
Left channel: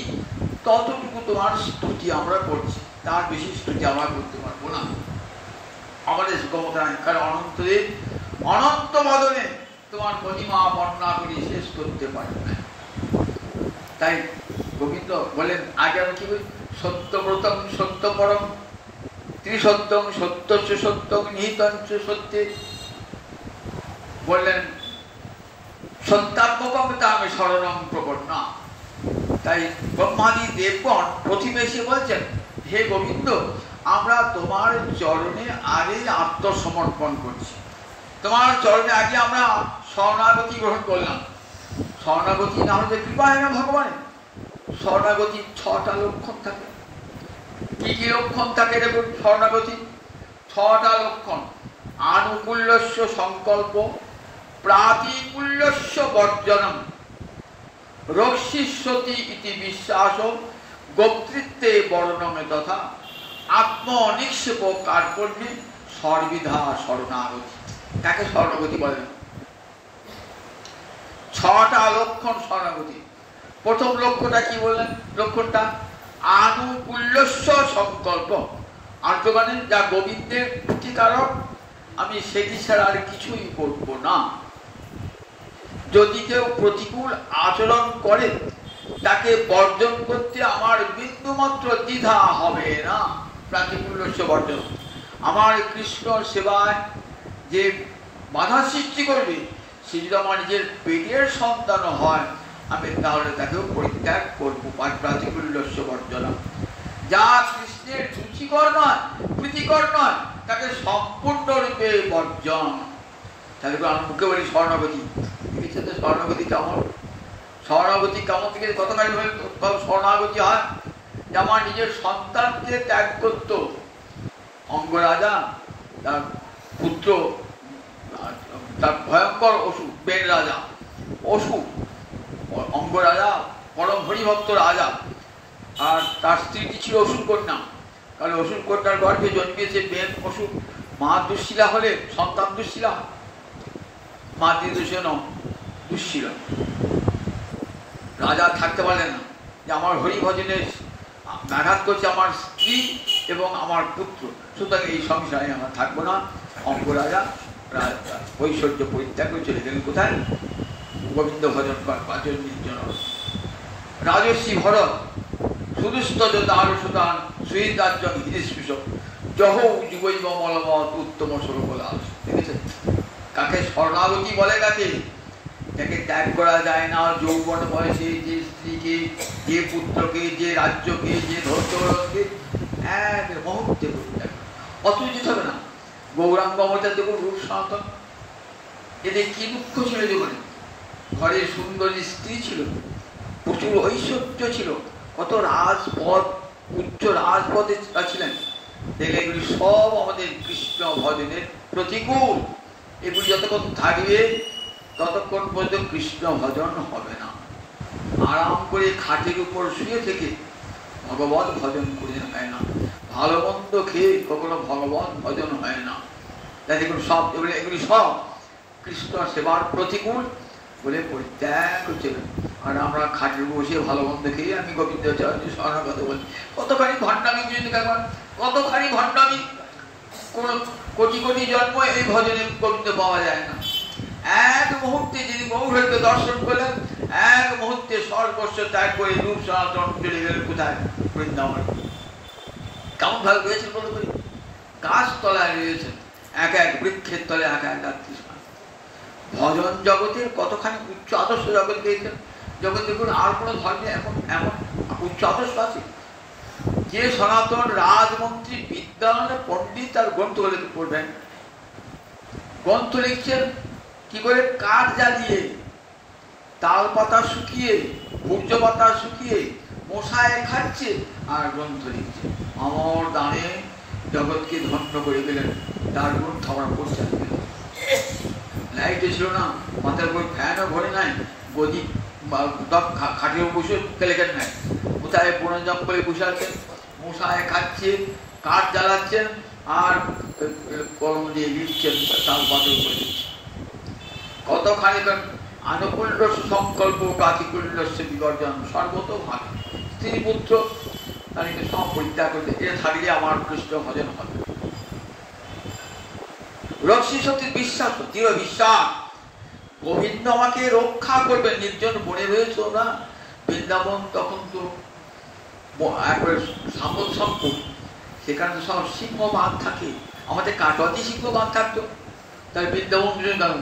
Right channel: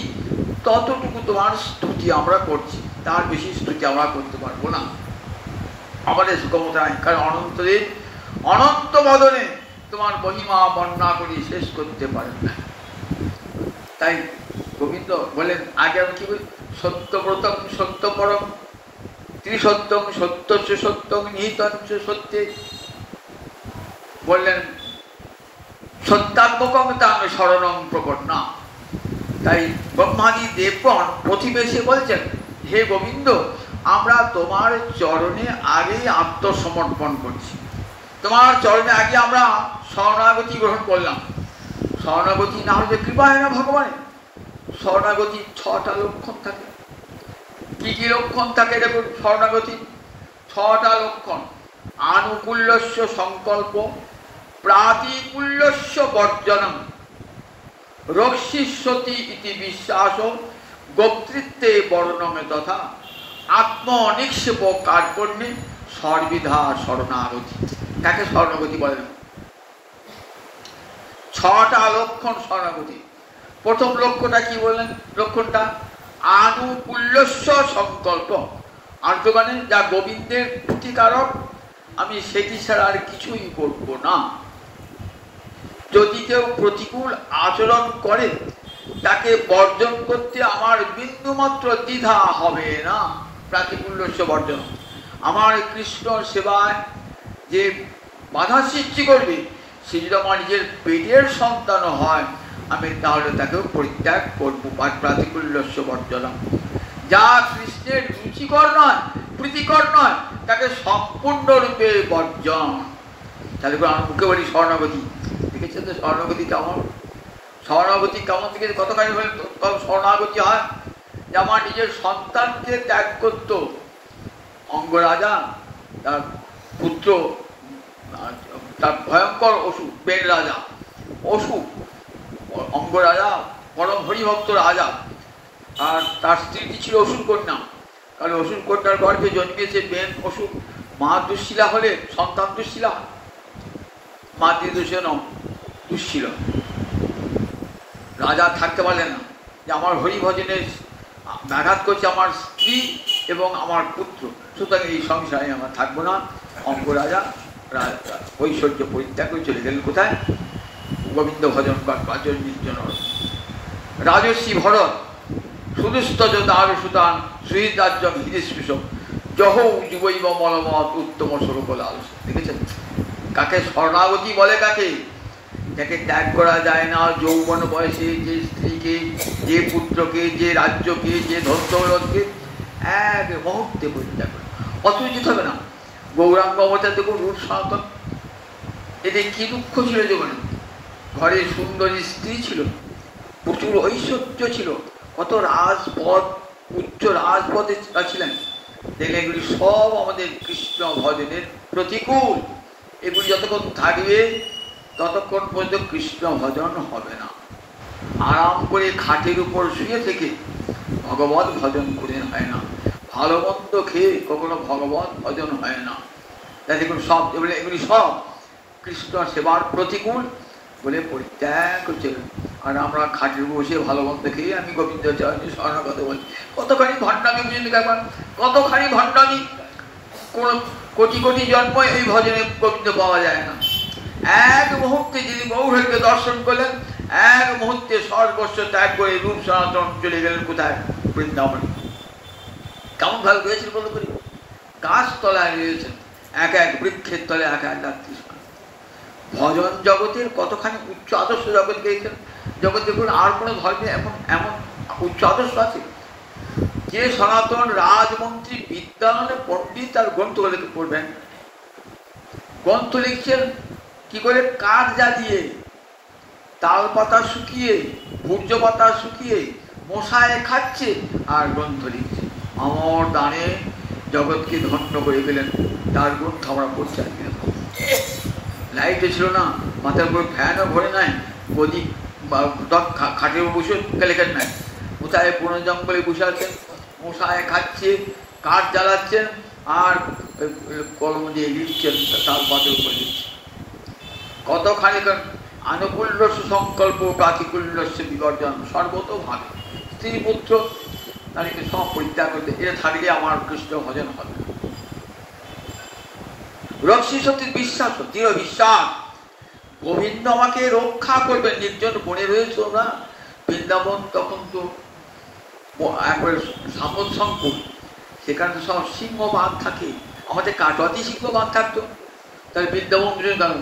ততটুকু তোমার স্তুতি আমরা করছি, তার বেশি স্তুতি আমরা করতে পারবো না, আমাদের ক্ষমতা নাই। কারণ অনন্তদেব অনন্ত বদনে তোমার মহিমা বর্ণনা করে শেষ করতে পারবে না। তাই গোবিন্দ বলেন, আগে আমি কি বলি, সত্যব্রতম সত্যপরম ত্রিসত্যং সত্যস্য সত্যং নিহিতঞ্চ সত্যে, বললেন সত্যাত্মকং তাং শরণং প্রপন্না। তাই ব্রহ্মাদি দেবগণ প্রতিবেশে বলছেন, হে গোবিন্দ, আমরা তোমার চরণে আগেই আত্মসমর্পণ করছি, তোমার চরণে আগে আমরা শরণাগতি গ্রহণ করলাম। শরণাগতি না হলে কৃপা হয় না ভগবানের। শরণাগতির 6টা লক্ষণ থাকে। কি কি লক্ষণ থাকে দেখুন, শরণাগতি 6টা লক্ষণ। আনুকূল্যস্য সংকল্প, প্রাতিকূল্যস্য বর্জনম, রক্ষিষ্যতি ইতি বিশ্বাস, গোপ্তৃত্বে বর্ণমে তথা, আত্মনিক্ষেপ কার্পণ্যে সর্বিধা শরণাগতি। তাকে শরণাগতি বলে। 6টা লক্ষণ শরণাগতি। প্রথম লক্ষণটা কি বললেন? লক্ষণটা আনুকূল্যস্য সংকল্প, আর্য মানে যা গোবিন্দের প্রতিকারক, আমি সেটি ছাড়া আর কিছুই করব না। যদি কেউ প্রতিকূল আচরণ করে তাকে বর্জন করতে আমার বিন্দুমাত্র দ্বিধা হবে না। প্রাতিকূল্যস্য বর্জন, আমার কৃষ্ণ সেবায় যে বাধা সৃষ্টি করবে সে যদি আমার নিজের পেটের সন্তান হয় আমি তাহলে তাকেও পরিত্যাগ করবো। প্রাতিকূল্যস্য বর্জন, যা কৃষ্ণের রুচিকর নয় প্রীতিকর নয় তাকে সম্পূর্ণরূপে বর্জন। তাহলে আমি মুখে বলি শরণাগতি, দেখেছেন তো শরণাগতি কেমন? শরণাগতি কেমন থেকে কতখানি শরণাগতি হয়? যে আমার নিজের সন্তানকে ত্যাগ করত অঙ্গরাজা, তার পুত্র, তার ভয়ঙ্কর অসুখ বেন রাজা, অসুখ অঙ্গরাজা পরম হরিভক্ত রাজা, আর তার স্ত্রীটি ছিল অসুর কন্যা। তাহলে অসুর কন্যার গর্ভে জন্মিয়েছে বেন অসুর। মা দুঃশীলা হলে সন্তান দুঃশীলা, মাতৃদোষে দুঃশীলা। রাজা থাকতে পারলেন না, যে আমার হরিভজনের ব্যাঘাত করছে আমার স্ত্রী এবং আমার পুত্র, সুতরাং এই সংসারে আমরা থাকবো না। অঙ্গরাজা ঐশ্বর্য পরিত্যাগ করে চলে গেলেন কোথায়? গোবিন্দ ভজন পাচন নির্জন। রাজস্বী ভরত সুদুস্তজ তার সুতান সুহিত রাজ্যম হিরিস্পৃশ জহ যুবৈব মলমত উত্তম স্বরূপ লাল। দেখেছেন কাকে শরণাগতি বলে? কাকে? যাকে ত্যাগ করা যায় না যৌবন বয়সে, যে স্ত্রীকে, যে পুত্রকে, যে রাজ্যকে, যে ধৈর্যকে এক মুহূর্তে পরিত্যাগ, অথচ যেতে হবে না। গৌরাঙ্গ অবতার দেখুন, রূপ সনাতন, এদের কি দুঃখ ছিল জীবনে। ঘরে সুন্দরী স্ত্রী ছিল, প্রচুর ঐশ্বর্য ছিল, কত রাজপদ, উচ্চ রাজপদে ছিলেন। এগুলি সব আমাদের কৃষ্ণ ভজনের প্রতিকূল। এগুলি যতক্ষণ থাকবে ততক্ষণ পর্যন্ত কৃষ্ণ ভজন হবে না। আরাম করে খাটের উপর শুয়ে থেকে ভগবত ভজন করে হয় না, ভালো মন্দ খেয়ে কখনো ভগবত ভজন হয় না। দেখুন সব এগুলি সব কৃষ্ণ সেবার প্রতিকূল বলে পরিত্যাগ করছে। আর আমরা খাটের বসে ভালো মন্দ খেয়ে আমি গোবিন্দ চরণে শরণাগত বলি। কতখানি ভণ্ডামি বুঝে দেখবেন, কতখানি ভণ্ডামি। কোন কোটি কোটি জন্ম এই ভজনে গোবিন্দ পাওয়া যায় না। এক মুহূর্তে যিনি মৌহকে দর্শন করলেন, এক মুহূর্তে সর্বস্ব ত্যাগ করে রূপ সনাতন চলে গেলেন কোথায়? বৃন্দাবন। কেমন ভাবে রয়েছেন বলতে পারি? গাছ তলায় রয়েছেন, এক এক বৃক্ষের তলে এক এক কৃষ্ণ। ভজন জগতের কতখানি উচ্চ আদর্শ জগৎ পেয়েছেন। জগৎ দেখুন আর কোনো ধর্মে এখন এমন উচ্চ আদর্শ আছে? যে সনাতন রাজমন্ত্রী বিদ্যালয়ে পণ্ডিত তার গ্রন্থ পড়বেন, গ্রন্থ লিখছেন কি করে? কাঠ জ্বালিয়ে, তাল পাতা শুকিয়ে, ভূর্য পাতা শুকিয়ে মশায় খাচ্ছে আর গ্রন্থ লিখছে। আমার দানে জগৎকে ধন্য করে গেলেন, তার গ্রন্থ আমরা পড়তে। লাইটও ছিল না, মাথার উপর ফ্যানও ঘরে নাই, প্রদীপ খাটের বসে লেখেন নাই, কোথায় বন জঙ্গলে বসে আছেন, মশায় খাচ্ছে, কাঠ জ্বালাচ্ছেন আর কলম দিয়ে লিখছেন, তাল পাতের উপর লিখছেন। কতখানি আনুকূল্য সুসংকল্প প্রাতিকূল্যস্য বিবর্জন সর্বত ভাগ। স্ত্রী পুত্র তাদেরকে সব পরিত্যাগ করতে, এটা থাকলে আমার কৃষ্ণ ভজন হবে। রক্ষী সত্যির বিশ্বাস, দৃঢ় বিশ্বাস, গোবিন্দ আমাকে রক্ষা করবেন। নির্জন বনে রয়েছে না বৃন্দাবন, তখন তো একবারে সাপন সম্পদ, সেখানে সব সিংহবাগ থাকে। আমাদের কাটোয়াতে সিংহবাগ থাকতো, তাহলে বৃন্দাবন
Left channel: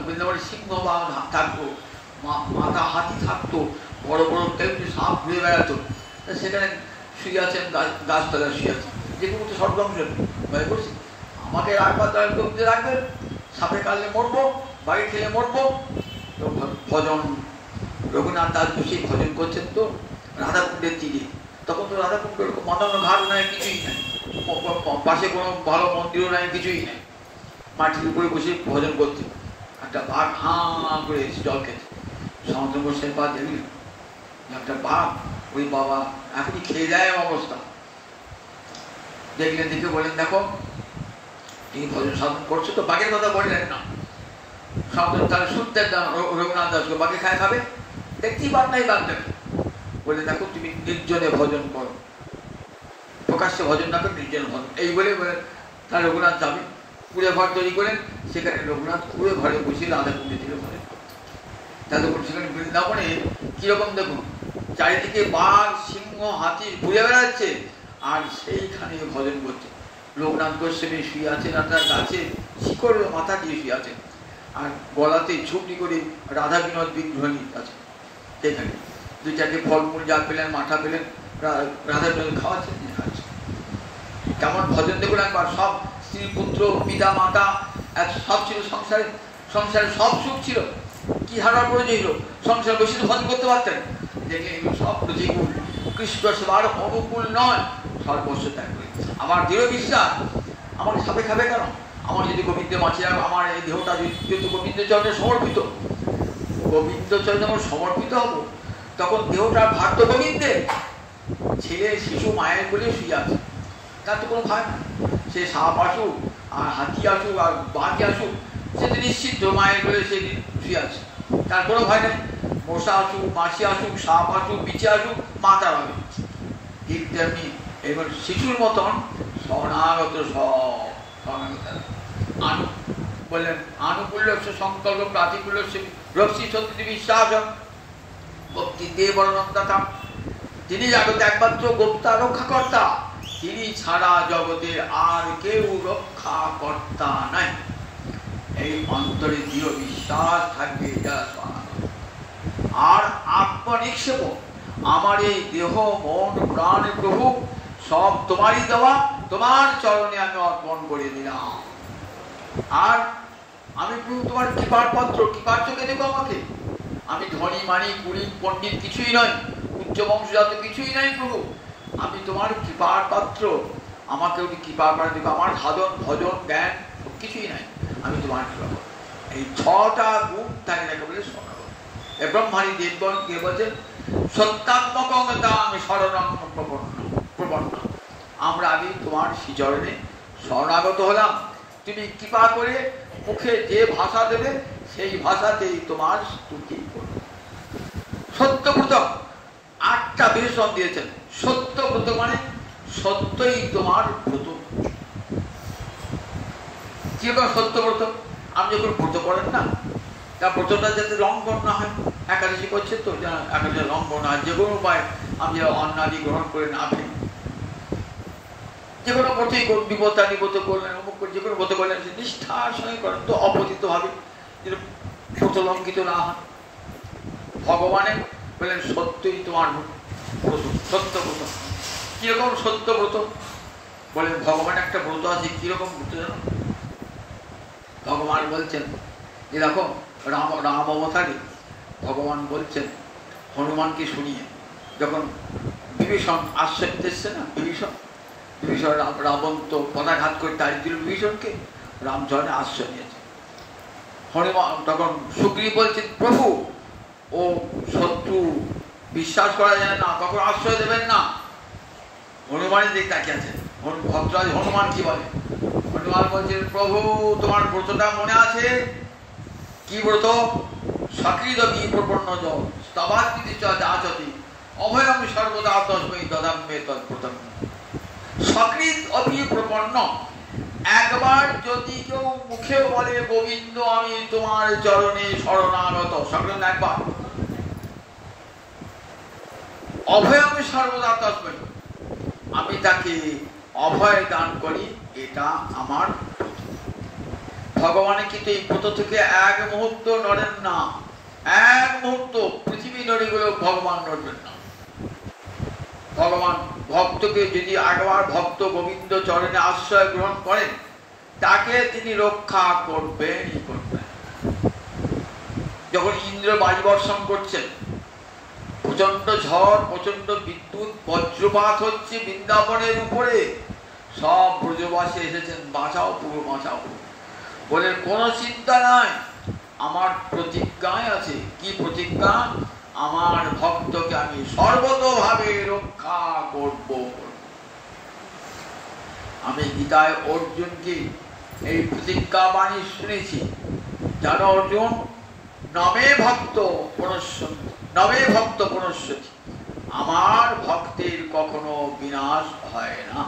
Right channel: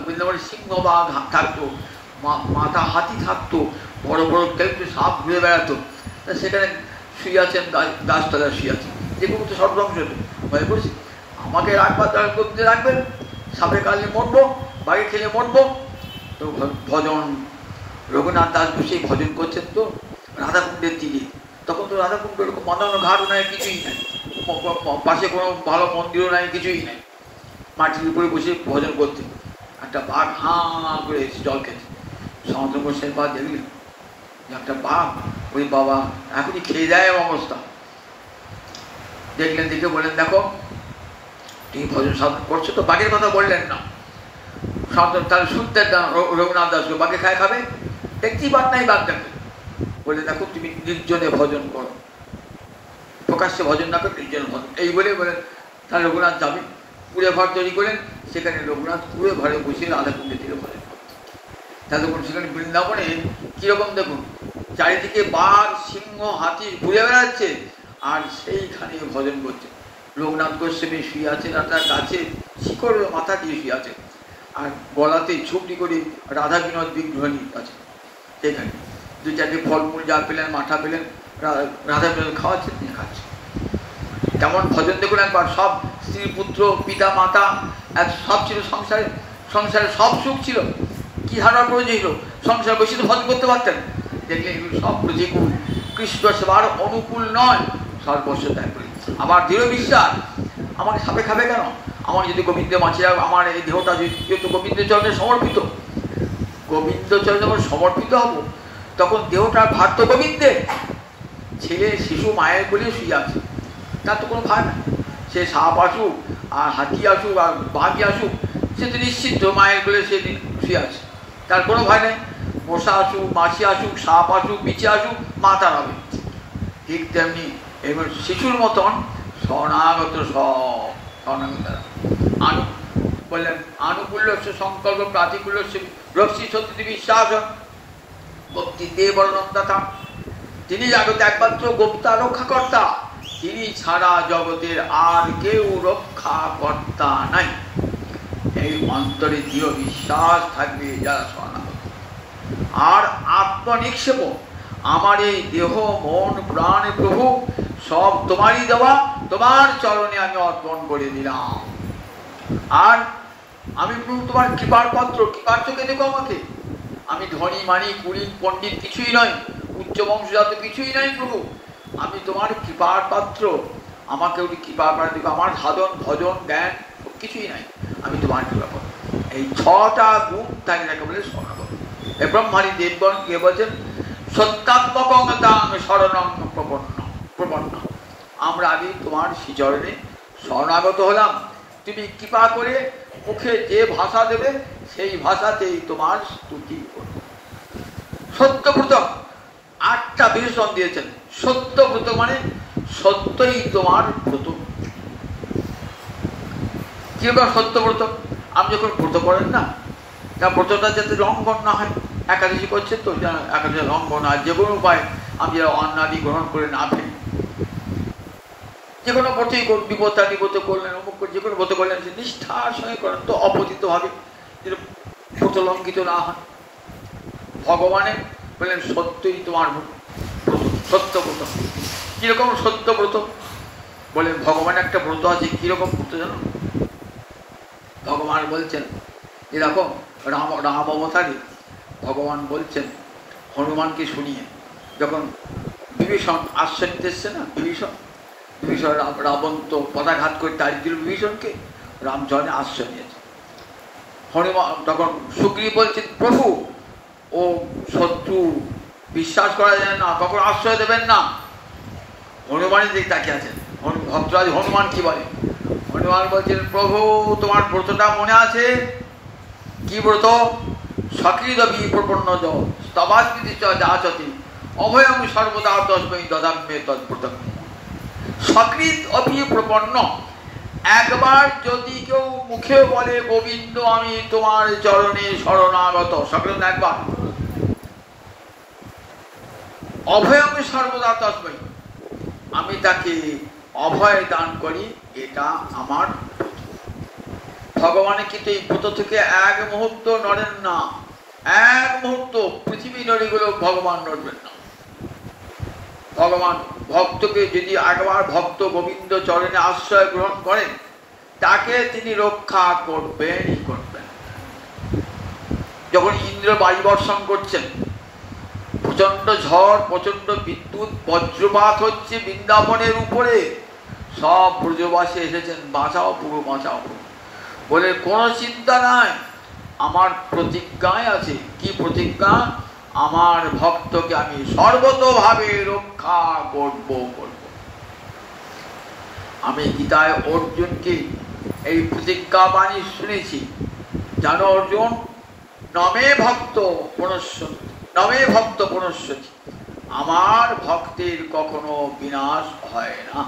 বৃন্দাবনের সিংহবাগ থাকতো, মাথা হাতি থাকতো, বড় বড় সাপ ঘুরে বেড়াতো। সেখানে শুয়ে আছেন, গাছতলায় শুয়ে আছেন, যেগুলো তো সব ধ্বংস ভয় করছি। আমাকে রাখবার দ্বারা কবিতে রাখবেন, সাপে কাটলে মরবো, বাড়ি খেলে মরবো। ভজন রঘুনাথ দাস বসে ভজন করছেন তো রাধাকুণ্ডের দিকে। তখন তো রাধাকুণ্ড মন্দানো ঘাটও নেয়, কিছুই নেই, পাশে কোনো ভালো মন্দিরও নেয়, কিছুই নেই। মাটির উপরে বসে ভজন করতেন। একটা বাঘ হাঁ করে এসে জল খেতে, সমুদ্র গোস্বামী পা দেখলি একটা বাঘ, ওই বাবা এখনই খেয়ে যায় অবস্থা। দেখলেন, দেখে বললেন দেখো তুমি ভজন সাধন করছো তো, বাঘের কথা বললেন না, সাধন তাহলে শুনতে রঘুনাথ দাসকে বাঘে খায় খাবে, দেখতেই পার নাই বাঘটাকে। বলে দেখো তুমি নির্জনে ভজন করো, প্রকাশ্যে ভজন না করে নির্জনে ভজন, এই বলে বলেন। তাহলে রঘুনাথ যাবে, কুড়ে ঘর তৈরি করেন, সেখানে রঘুনাথ কুড়ে ঘরে বসে রাধাকুণ্ডে ছিল ভজন করতেন। তা দেখুন সেখানে বৃন্দাবনে কিরকম দেখুন, চারিদিকে বাঘ সিংহ হাতি ঘুরে বেড়াচ্ছে আর সেইখানে ভজন করছে। লোকনাথ গোস্বামী শুয়ে আছে রাধার গাছে, শিকড়ে মাথা দিয়ে শুয়ে আছে, আর গলাতে ছুপটি করে রাধা বিনোদ বিগ্রহ আছে। এখানে দু চারটি ফলমূল যা পেলেন মাথা পেলেন রাধা বিনোদ খাওয়াচ্ছে, তিনি খাচ্ছে। কেমন ভজন দেখুন একবার। সব স্ত্রী পুত্র পিতা মাতা সব ছিল সংসারে, সংসারে সব সুখ ছিল। কি ধারণা প্রয়োজন ছিল? সংসার বেশি তো ভজন করতে পারতেন। দেখলেন এগুলো সব প্রতিকূল, কৃষ্ণ সেবার অনুকূল নয়, সর্বস্ব ত্যাগ করে। আমার দৃঢ় বিশ্বাস আমাকে সাপে খাবে কেন? আমার যদি গোবিন্দ মাছে আমার এই দেহটা যেহেতু গোবিন্দ চরণে সমর্পিত, গোবিন্দ চরণে যখন সমর্পিত হব তখন দেহটার ভার তো গোবিন্দের। ছেলে শিশু মায়ের বলে শুয়ে আছে, তার তো কোনো ভার না। সে সাপ আসুক আর হাতি আসুক আর বাঘি আসুক, সে তো নিশ্চিত মায়ের বলে সে শুয়ে আছে, তার কোনো ভয় নেই। মশা আসুক মাছি আসুক সাপ আসুক বিছে আসুক মা তার হবে। ঠিক তেমনি এবার শিশুর মতন শরণাগত সব বললেন আনুকূল্য সংকল্প প্রাতিকূল্য রক্ষী সত্যি বিশ্বাস ভক্তি দেব বর্ণদাতা। তিনি জগতে একমাত্র গোপ্তা রক্ষাকর্তা, তিনি ছাড়া জগতের আর কেউ রক্ষাকর্তা নাই। এই অন্তরে দৃঢ় বিশ্বাস থাকবে যারা শরণাগত। আর আত্মনিক্ষেপ, আমার এই দেহ মন প্রাণ প্রভু সব তোমারই দেওয়া, তোমার চরণে আমি অর্পণ করে দিলাম। আর আমি প্রভু তোমার কৃপার পাত্র, কৃপার চোখে দেবো আমাকে। আমি ধনী মানি কুড়ি পণ্ডিত কিছুই নয়, উচ্চ বংশজাত কিছুই নাই প্রভু, আমি তোমার কৃপার পাত্র, আমাকে ওই কৃপার পাত্র দেবো। আমার সাধন ভজন জ্ঞান কিছুই নাই, আমি তোমার কৃপা করব। এই ছটা গুণ তাই নাকি বলে শরণাগত। এ ব্রহ্মারী দেবগণ কে বলছেন? সত্যাত্মকং তাং শরণং প্রপন্ন। আমরা আগে তোমার শ্রীচরণে শরণাগত হলাম, তুমি কৃপা করে মুখে যে ভাষা দেবে সেই ভাষাতেই তোমার স্তুতি করব। সত্যব্রত 8টা বিশেষণ দিয়েছেন। সত্যব্রত মানে সত্যই তোমার ব্রত। কি হবে সত্যব্রত? আপনি যখন ব্রত করেন না, তা ব্রতটা যাতে লঙ্ঘন না হয়, একাদশী করছে তো একাদশী লঙ্ঘন হয় যে কোনো উপায় আমি যারা অন্নাদি গ্রহণ করে না ফেলি, যে কোনো ব্রতই করুন, বিপত্তা নিবত করলেন অমুক করে যে কোনো ব্রত করলেন সে নিষ্ঠার সঙ্গে করেন তো অপতিত হবে, ব্রত লঙ্ঘিত না হয়। ভগবানের বললেন সত্যই তোমার ব্রত, সত্যব্রত। কিরকম সত্যব্রত? বলে ভগবান একটা ব্রত আছে, কিরকম ব্রত জানো? ভগবান বলছেন এরকম রাম অবতারে ভগবান বলছেন হনুমানকে শুনিয়ে, যখন বিভীষণ আশ্রয় নিতে এসছে না, বিভীষণ রাবণ তো পদাঘাত করে তাড়ি দিল বিভীষণকে, রামচরণে আশ্রয় নিয়েছে। হনুমান তখন সুগ্রীব বলছেন প্রভু ও শত্রু, বিশ্বাস করা যায় না, কখন আশ্রয় দেবেন না। হনুমানের দিকে তাকিয়ে আছেন। ভদ্রাজ হনুমান কি বলে? হনুমান বলছেন প্রভু তোমার ব্রতটা মনে আছে? কি ব্রত? সকৃদবি প্রপন্ন স্তবাস্তি যাচতি অভয়ং সর্বদা তস্मै দদাম্যে তদ্ব্রতম। সকৃত অপি প্রপন্ন, একবার যদি কেউ মুখে বলে গোবিন্দ আমি তোমার চরণে শরণাগত, সকৃত একবার, অভয়ং সর্বদা তস্मै, আমি তাকে অভয় দান করি, এটা আমার। ভগবানের কিন্তু এই ব্রত থেকে এক মুহূর্ত নড়েন না, এক মুহূর্ত পৃথিবী নড়ে গেলেও ভগবান নড়বেন না। ভগবান ভক্তকে যদি একবার ভক্ত গোবিন্দ চরণে আশ্রয় গ্রহণ করেন, তাকে তিনি রক্ষা করবেনই করবেন। যখন ইন্দ্র বায়ু বর্ষণ করছেন, প্রচন্ড ঝড় প্রচন্ড বিদ্যুৎ বজ্রপাত হচ্ছে বৃন্দাবনের উপরে, সব ব্রজবাসী এসেছেন বাঁচাও পুরো বাঁচাও বলে, কোনো চিন্তা নাই, আমার প্রতিজ্ঞায় আছে। কি প্রতিজ্ঞা? আমার ভক্তকে আমি সর্বতোভাবে রক্ষা করব। আমি গীতায় অর্জুনকে এই প্রতিজ্ঞা বাণী শুনেছি, জানো অর্জুন, নমে ভক্ত পুনশ্চন্তি, নমে ভক্ত পুনশ্চন্তি, আমার ভক্তের কখনো বিনাশ হয় না,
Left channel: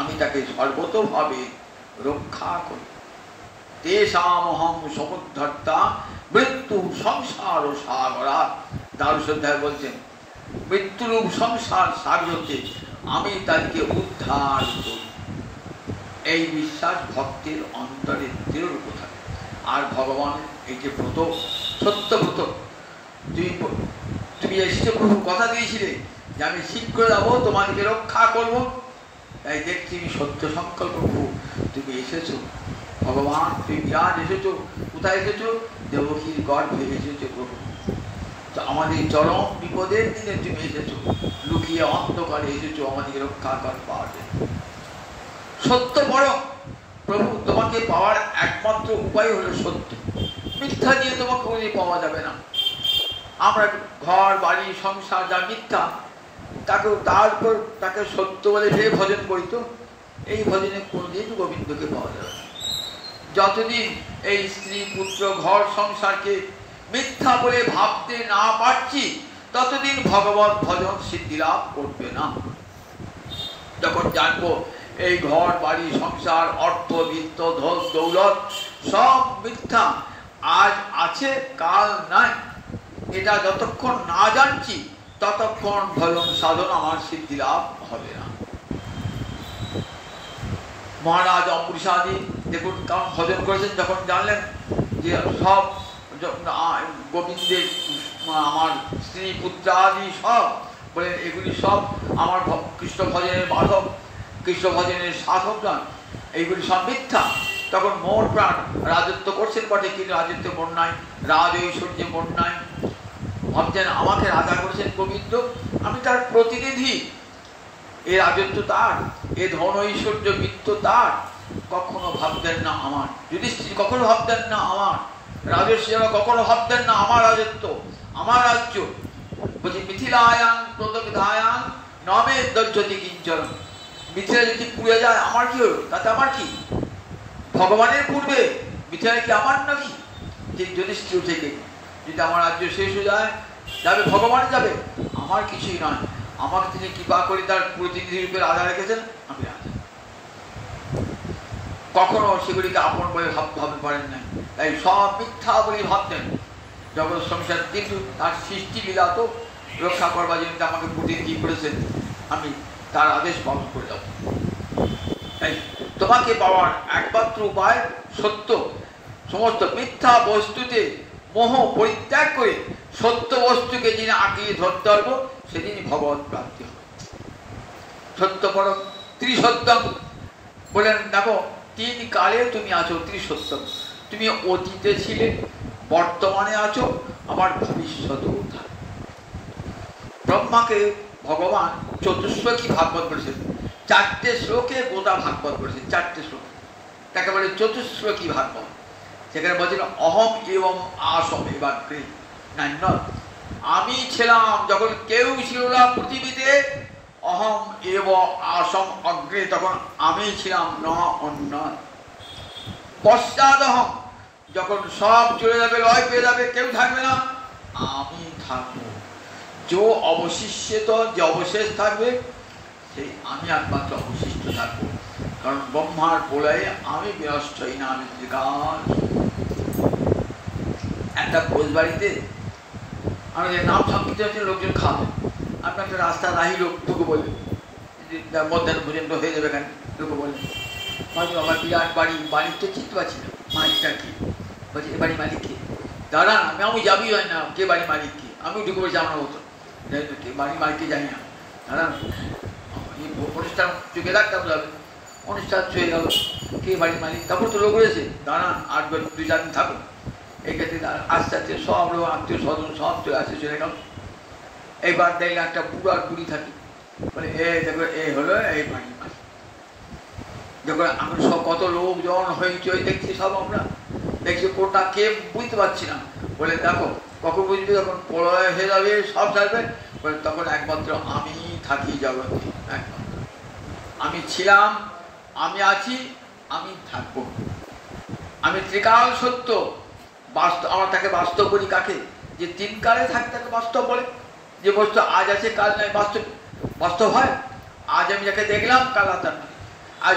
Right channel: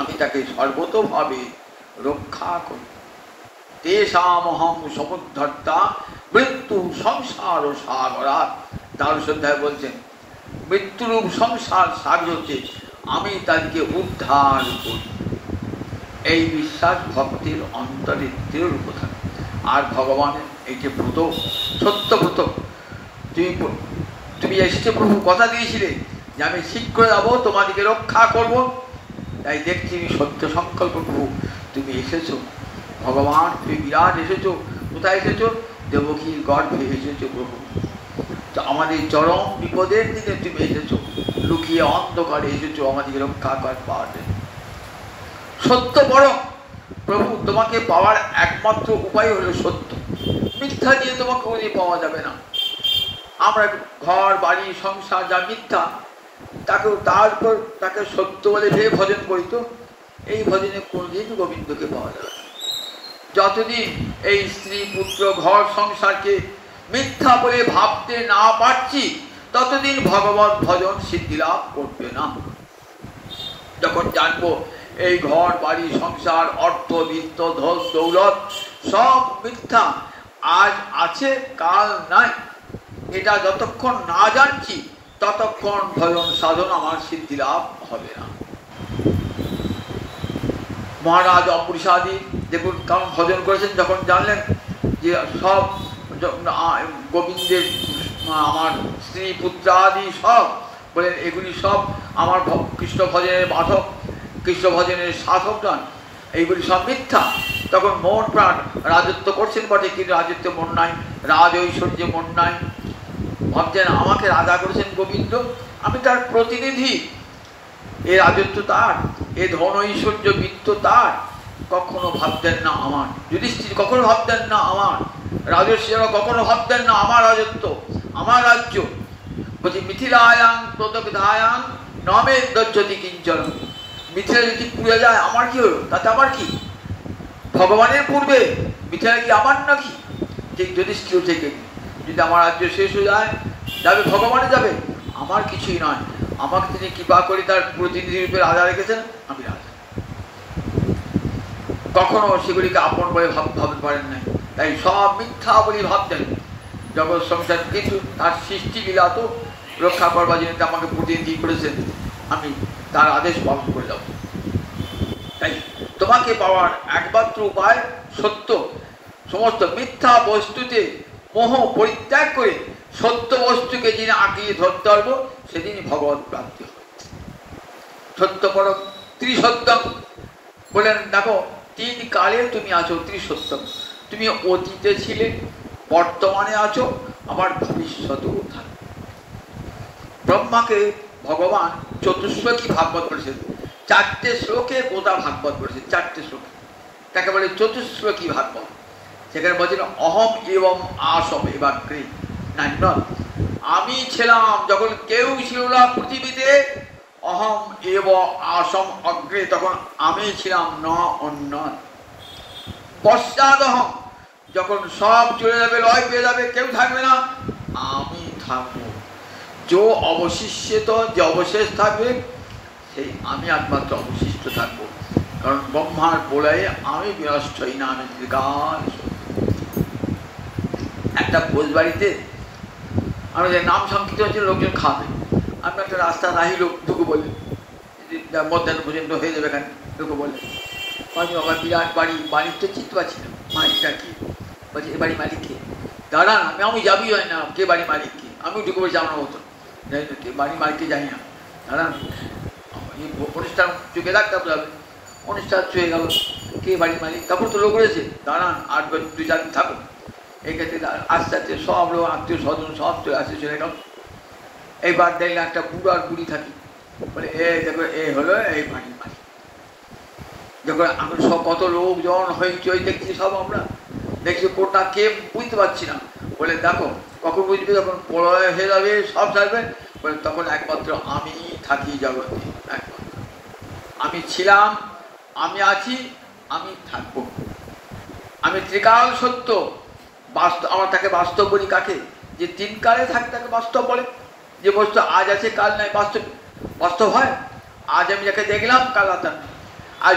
আমি তাকে সর্বতোভাবে রক্ষা করি। তেষামহং সমুদ্ধর্তা মৃত্যু সংসার ও সাগরা। দ্বাদশ অধ্যায় বলছেন মৃত্যুরূপ সংসার সাগর হচ্ছে আমি তাকে উদ্ধার করি। এই বিশ্বাস ভক্তের অন্তরে দৃঢ় থাকে। আর ভগবানের এই যে ব্রত, সত্য ব্রত, তুমি এসেছে প্রভু, কথা দিয়েছিলে যে আমি শীঘ্র যাবো, তোমাদেরকে রক্ষা করব। তাই দেখছি সত্য সংকল্প প্রভু, তুমি এসেছো। ভগবান তুমি বিরাট এসেছো। কোথায় এসেছো? দেবকীর গর্ভে এসেছো প্রভু। তো আমাদের চরম বিপদের দিনে তুমি এসেছো, লুকিয়ে অন্ধকারে এসেছো আমাদেরকে রক্ষা কর পাবে। সত্য বড় প্রভু, তোমাকে পাওয়ার একমাত্র উপায় হলো সত্য। মিথ্যা দিয়ে তোমাকে পাওয়া যাবে না। আমরা ঘর বাড়ি সংসার যা মিথ্যা, তারপর তাকে সত্য বলে যে ভজন করি, তো এই ভজনে কোনদিন গোবিন্দকে পাওয়া যাবে না। যতদিন এই স্ত্রী পুত্র ঘর সংসারকে মিথ্যা বলে ভাবতে না পারছি, ততদিন ভগবত ভজন সিদ্ধি লাভ করবে না। যখন জানবো এই ঘর বাড়ি সংসার অর্থ বিত্ত ধন দৌলত সব মিথ্যা, আজ আছে কাল নাই, এটা যতক্ষণ না জানছি ততক্ষণ ভজন সাধন আমার সিদ্ধি লাভ হবে না। মহারাজ অম্বরীশাদি দেখুন কারণ ভজন করেছেন, যখন জানলেন যে সব গোবিন্দের আমার স্ত্রী পুত্রাদি সব বলেন এগুলি সব আমার কৃষ্ণ ভজনের বাধক, কৃষ্ণ ভজনের সাধক নন, এইগুলি সব মিথ্যা। তখন মোর প্রাণ রাজত্ব করছেন বটে, কিন্তু রাজত্ব মন নাই, রাজ ঐশ্বর্যে মন নাই। ভাবছেন আমাকে রাজা করেছেন গোবিন্দ, আমি তার প্রতিনিধি, এ রাজত্ব তার, এ ধন ঐশ্বর্য বিত্ত তার। কখনো ভাবতেন না আমার যুধিষ্ঠির, কখনো ভাবতেন না আমার রাজস্বীরা, কখনো ভাবতেন না আমার রাজত্ব, আমার রাজ্য। বলছি মিথিলায়াং প্রদগ্ধায়াং নমে গচ্ছতি কিঞ্চন। মিথিলা যদি পুড়ে যায় আমার কি হলো, তাতে আমার কি? ভগবানের পূর্বে মিথিলা কি আমার নাকি? ঠিক যুধিষ্ঠির থেকে যদি আমার রাজ্য শেষ হয়ে যায়, যাবে ভগবানে যাবে, আমার কিছুই নয়। আমাকে তিনি কৃপা করে তার প্রতিনিধি রূপে রাজা রেখেছেন, আমি রাজা। কখনো সেগুলিকে আপন বলে ভাবতে পারেন না, তাই সব মিথ্যা বলে ভাবতেন জগৎ সংসার। কিন্তু তার সৃষ্টি লীলা তো রক্ষা করবার জন্য আমাকে প্রতিনিধি করেছেন, আমি তার আদেশ পালন করে যাব। তাই তোমাকে পাওয়ার একমাত্র উপায় সত্য। সমস্ত মিথ্যা বস্তুতে মোহ পরিত্যাগ করে সত্য বস্তুকে যিনি আঁকিয়ে ধরতে পারবো, সেদিনই ভগবত প্রাপ্তি হবে। সত্য পরম ত্রিসত্যম বলেন, দেখো তিন কালে তুমি আছো ত্রিসত্যম। তুমি অতীতে ছিলে, বর্তমানে আছো, আবার ভবিষ্যতেও থাকবে। ব্রহ্মাকে ভগবান চতুশ্লোকী ভাগবত করেছেন, 4টে শ্লোকে গোটা ভাগবত করেছেন, 4টে শ্লোক, তাকে বলে চতুশ্লোকী ভাগবত। সেখানে বলছেন অহম এবং আসম এবাগ্রে নান্য। আমি ছিলাম যখন কেউ ছিল না পৃথিবীতে, অহম এব আসম অগ্রে, তখন আমি ছিলাম, না অন্য। পশ্চাদহম, যখন সব চলে যাবে, লয় পেয়ে যাবে, কেউ থাকবে না, আমি থাকবো। যে অবশিষ্ট, যে অবশেষ থাকবে, সেই আমি একমাত্র অবশিষ্ট থাকবো। কারণ ব্রহ্মার প্রলয়ে আমি বিনষ্ট হই না, আমি ত্রিকাল। একটা ভোজ বাড়িতে আমি নাম সংকীর্তন হচ্ছে, লোকজন খাবে, আমি একটা রাস্তা নাহি লোক ঢুকে বলি মধ্যাহ্ন পর্যন্ত হয়ে যাবে, এখানে ঢুকে বলে হয়তো আমার বিরাট বাড়ি, মালিকটা চিনতে পারছি না, মালিকটা কি বলছি, এ বাড়ি মালিক কে? দাঁড়ান, আমি যাবি হয় না, কে বাড়ি মালিক কে? আমি ঢুকে বলছি আমার মতো, যাই তো কে বাড়ি মালিককে জানি না। দাঁড়ান, অনুষ্ঠান চুকে রাখতে হবে, অনুষ্ঠান ছুঁয়ে গেল, কে বাড়ির মালিক? তখন তো লোক রয়েছে, দাঁড়ান আর 2-4 দিন থাকুন। এক্ষেত্রে আস্তে আস্তে সব লোক আত্মীয় স্বজন সব চলে আসতে চলে গেল। এইবার দেখলে একটা বুড়ো আর বুড়ি থাকি, বলে এ দেখো এই হলো এই বাড়ির মালিক। যখন আমি সব কত লোকজন হইচই দেখছি, সব আমরা দেখছি, কোনটা কে বুঝতে পারছি না। বলে দেখো কখন বুঝবে, যখন প্রলয় হয়ে যাবে, সব ছাড়বে, বলে তখন একমাত্র আমি থাকি জগতে। আমি ছিলাম, আমি আছি, আমি থাকবো। আমি ত্রিকাল সত্য, বাস্তব। আমার তাকে বাস্তব বলি কাকে? যে 3 কালে থাকে তাকে বাস্তব বলে। যে বস্তু আজ আছে কাল নাই, বাস্তব বাস্তব হয়। আজ আমি যাকে দেখলাম, কাল আর তার। আজ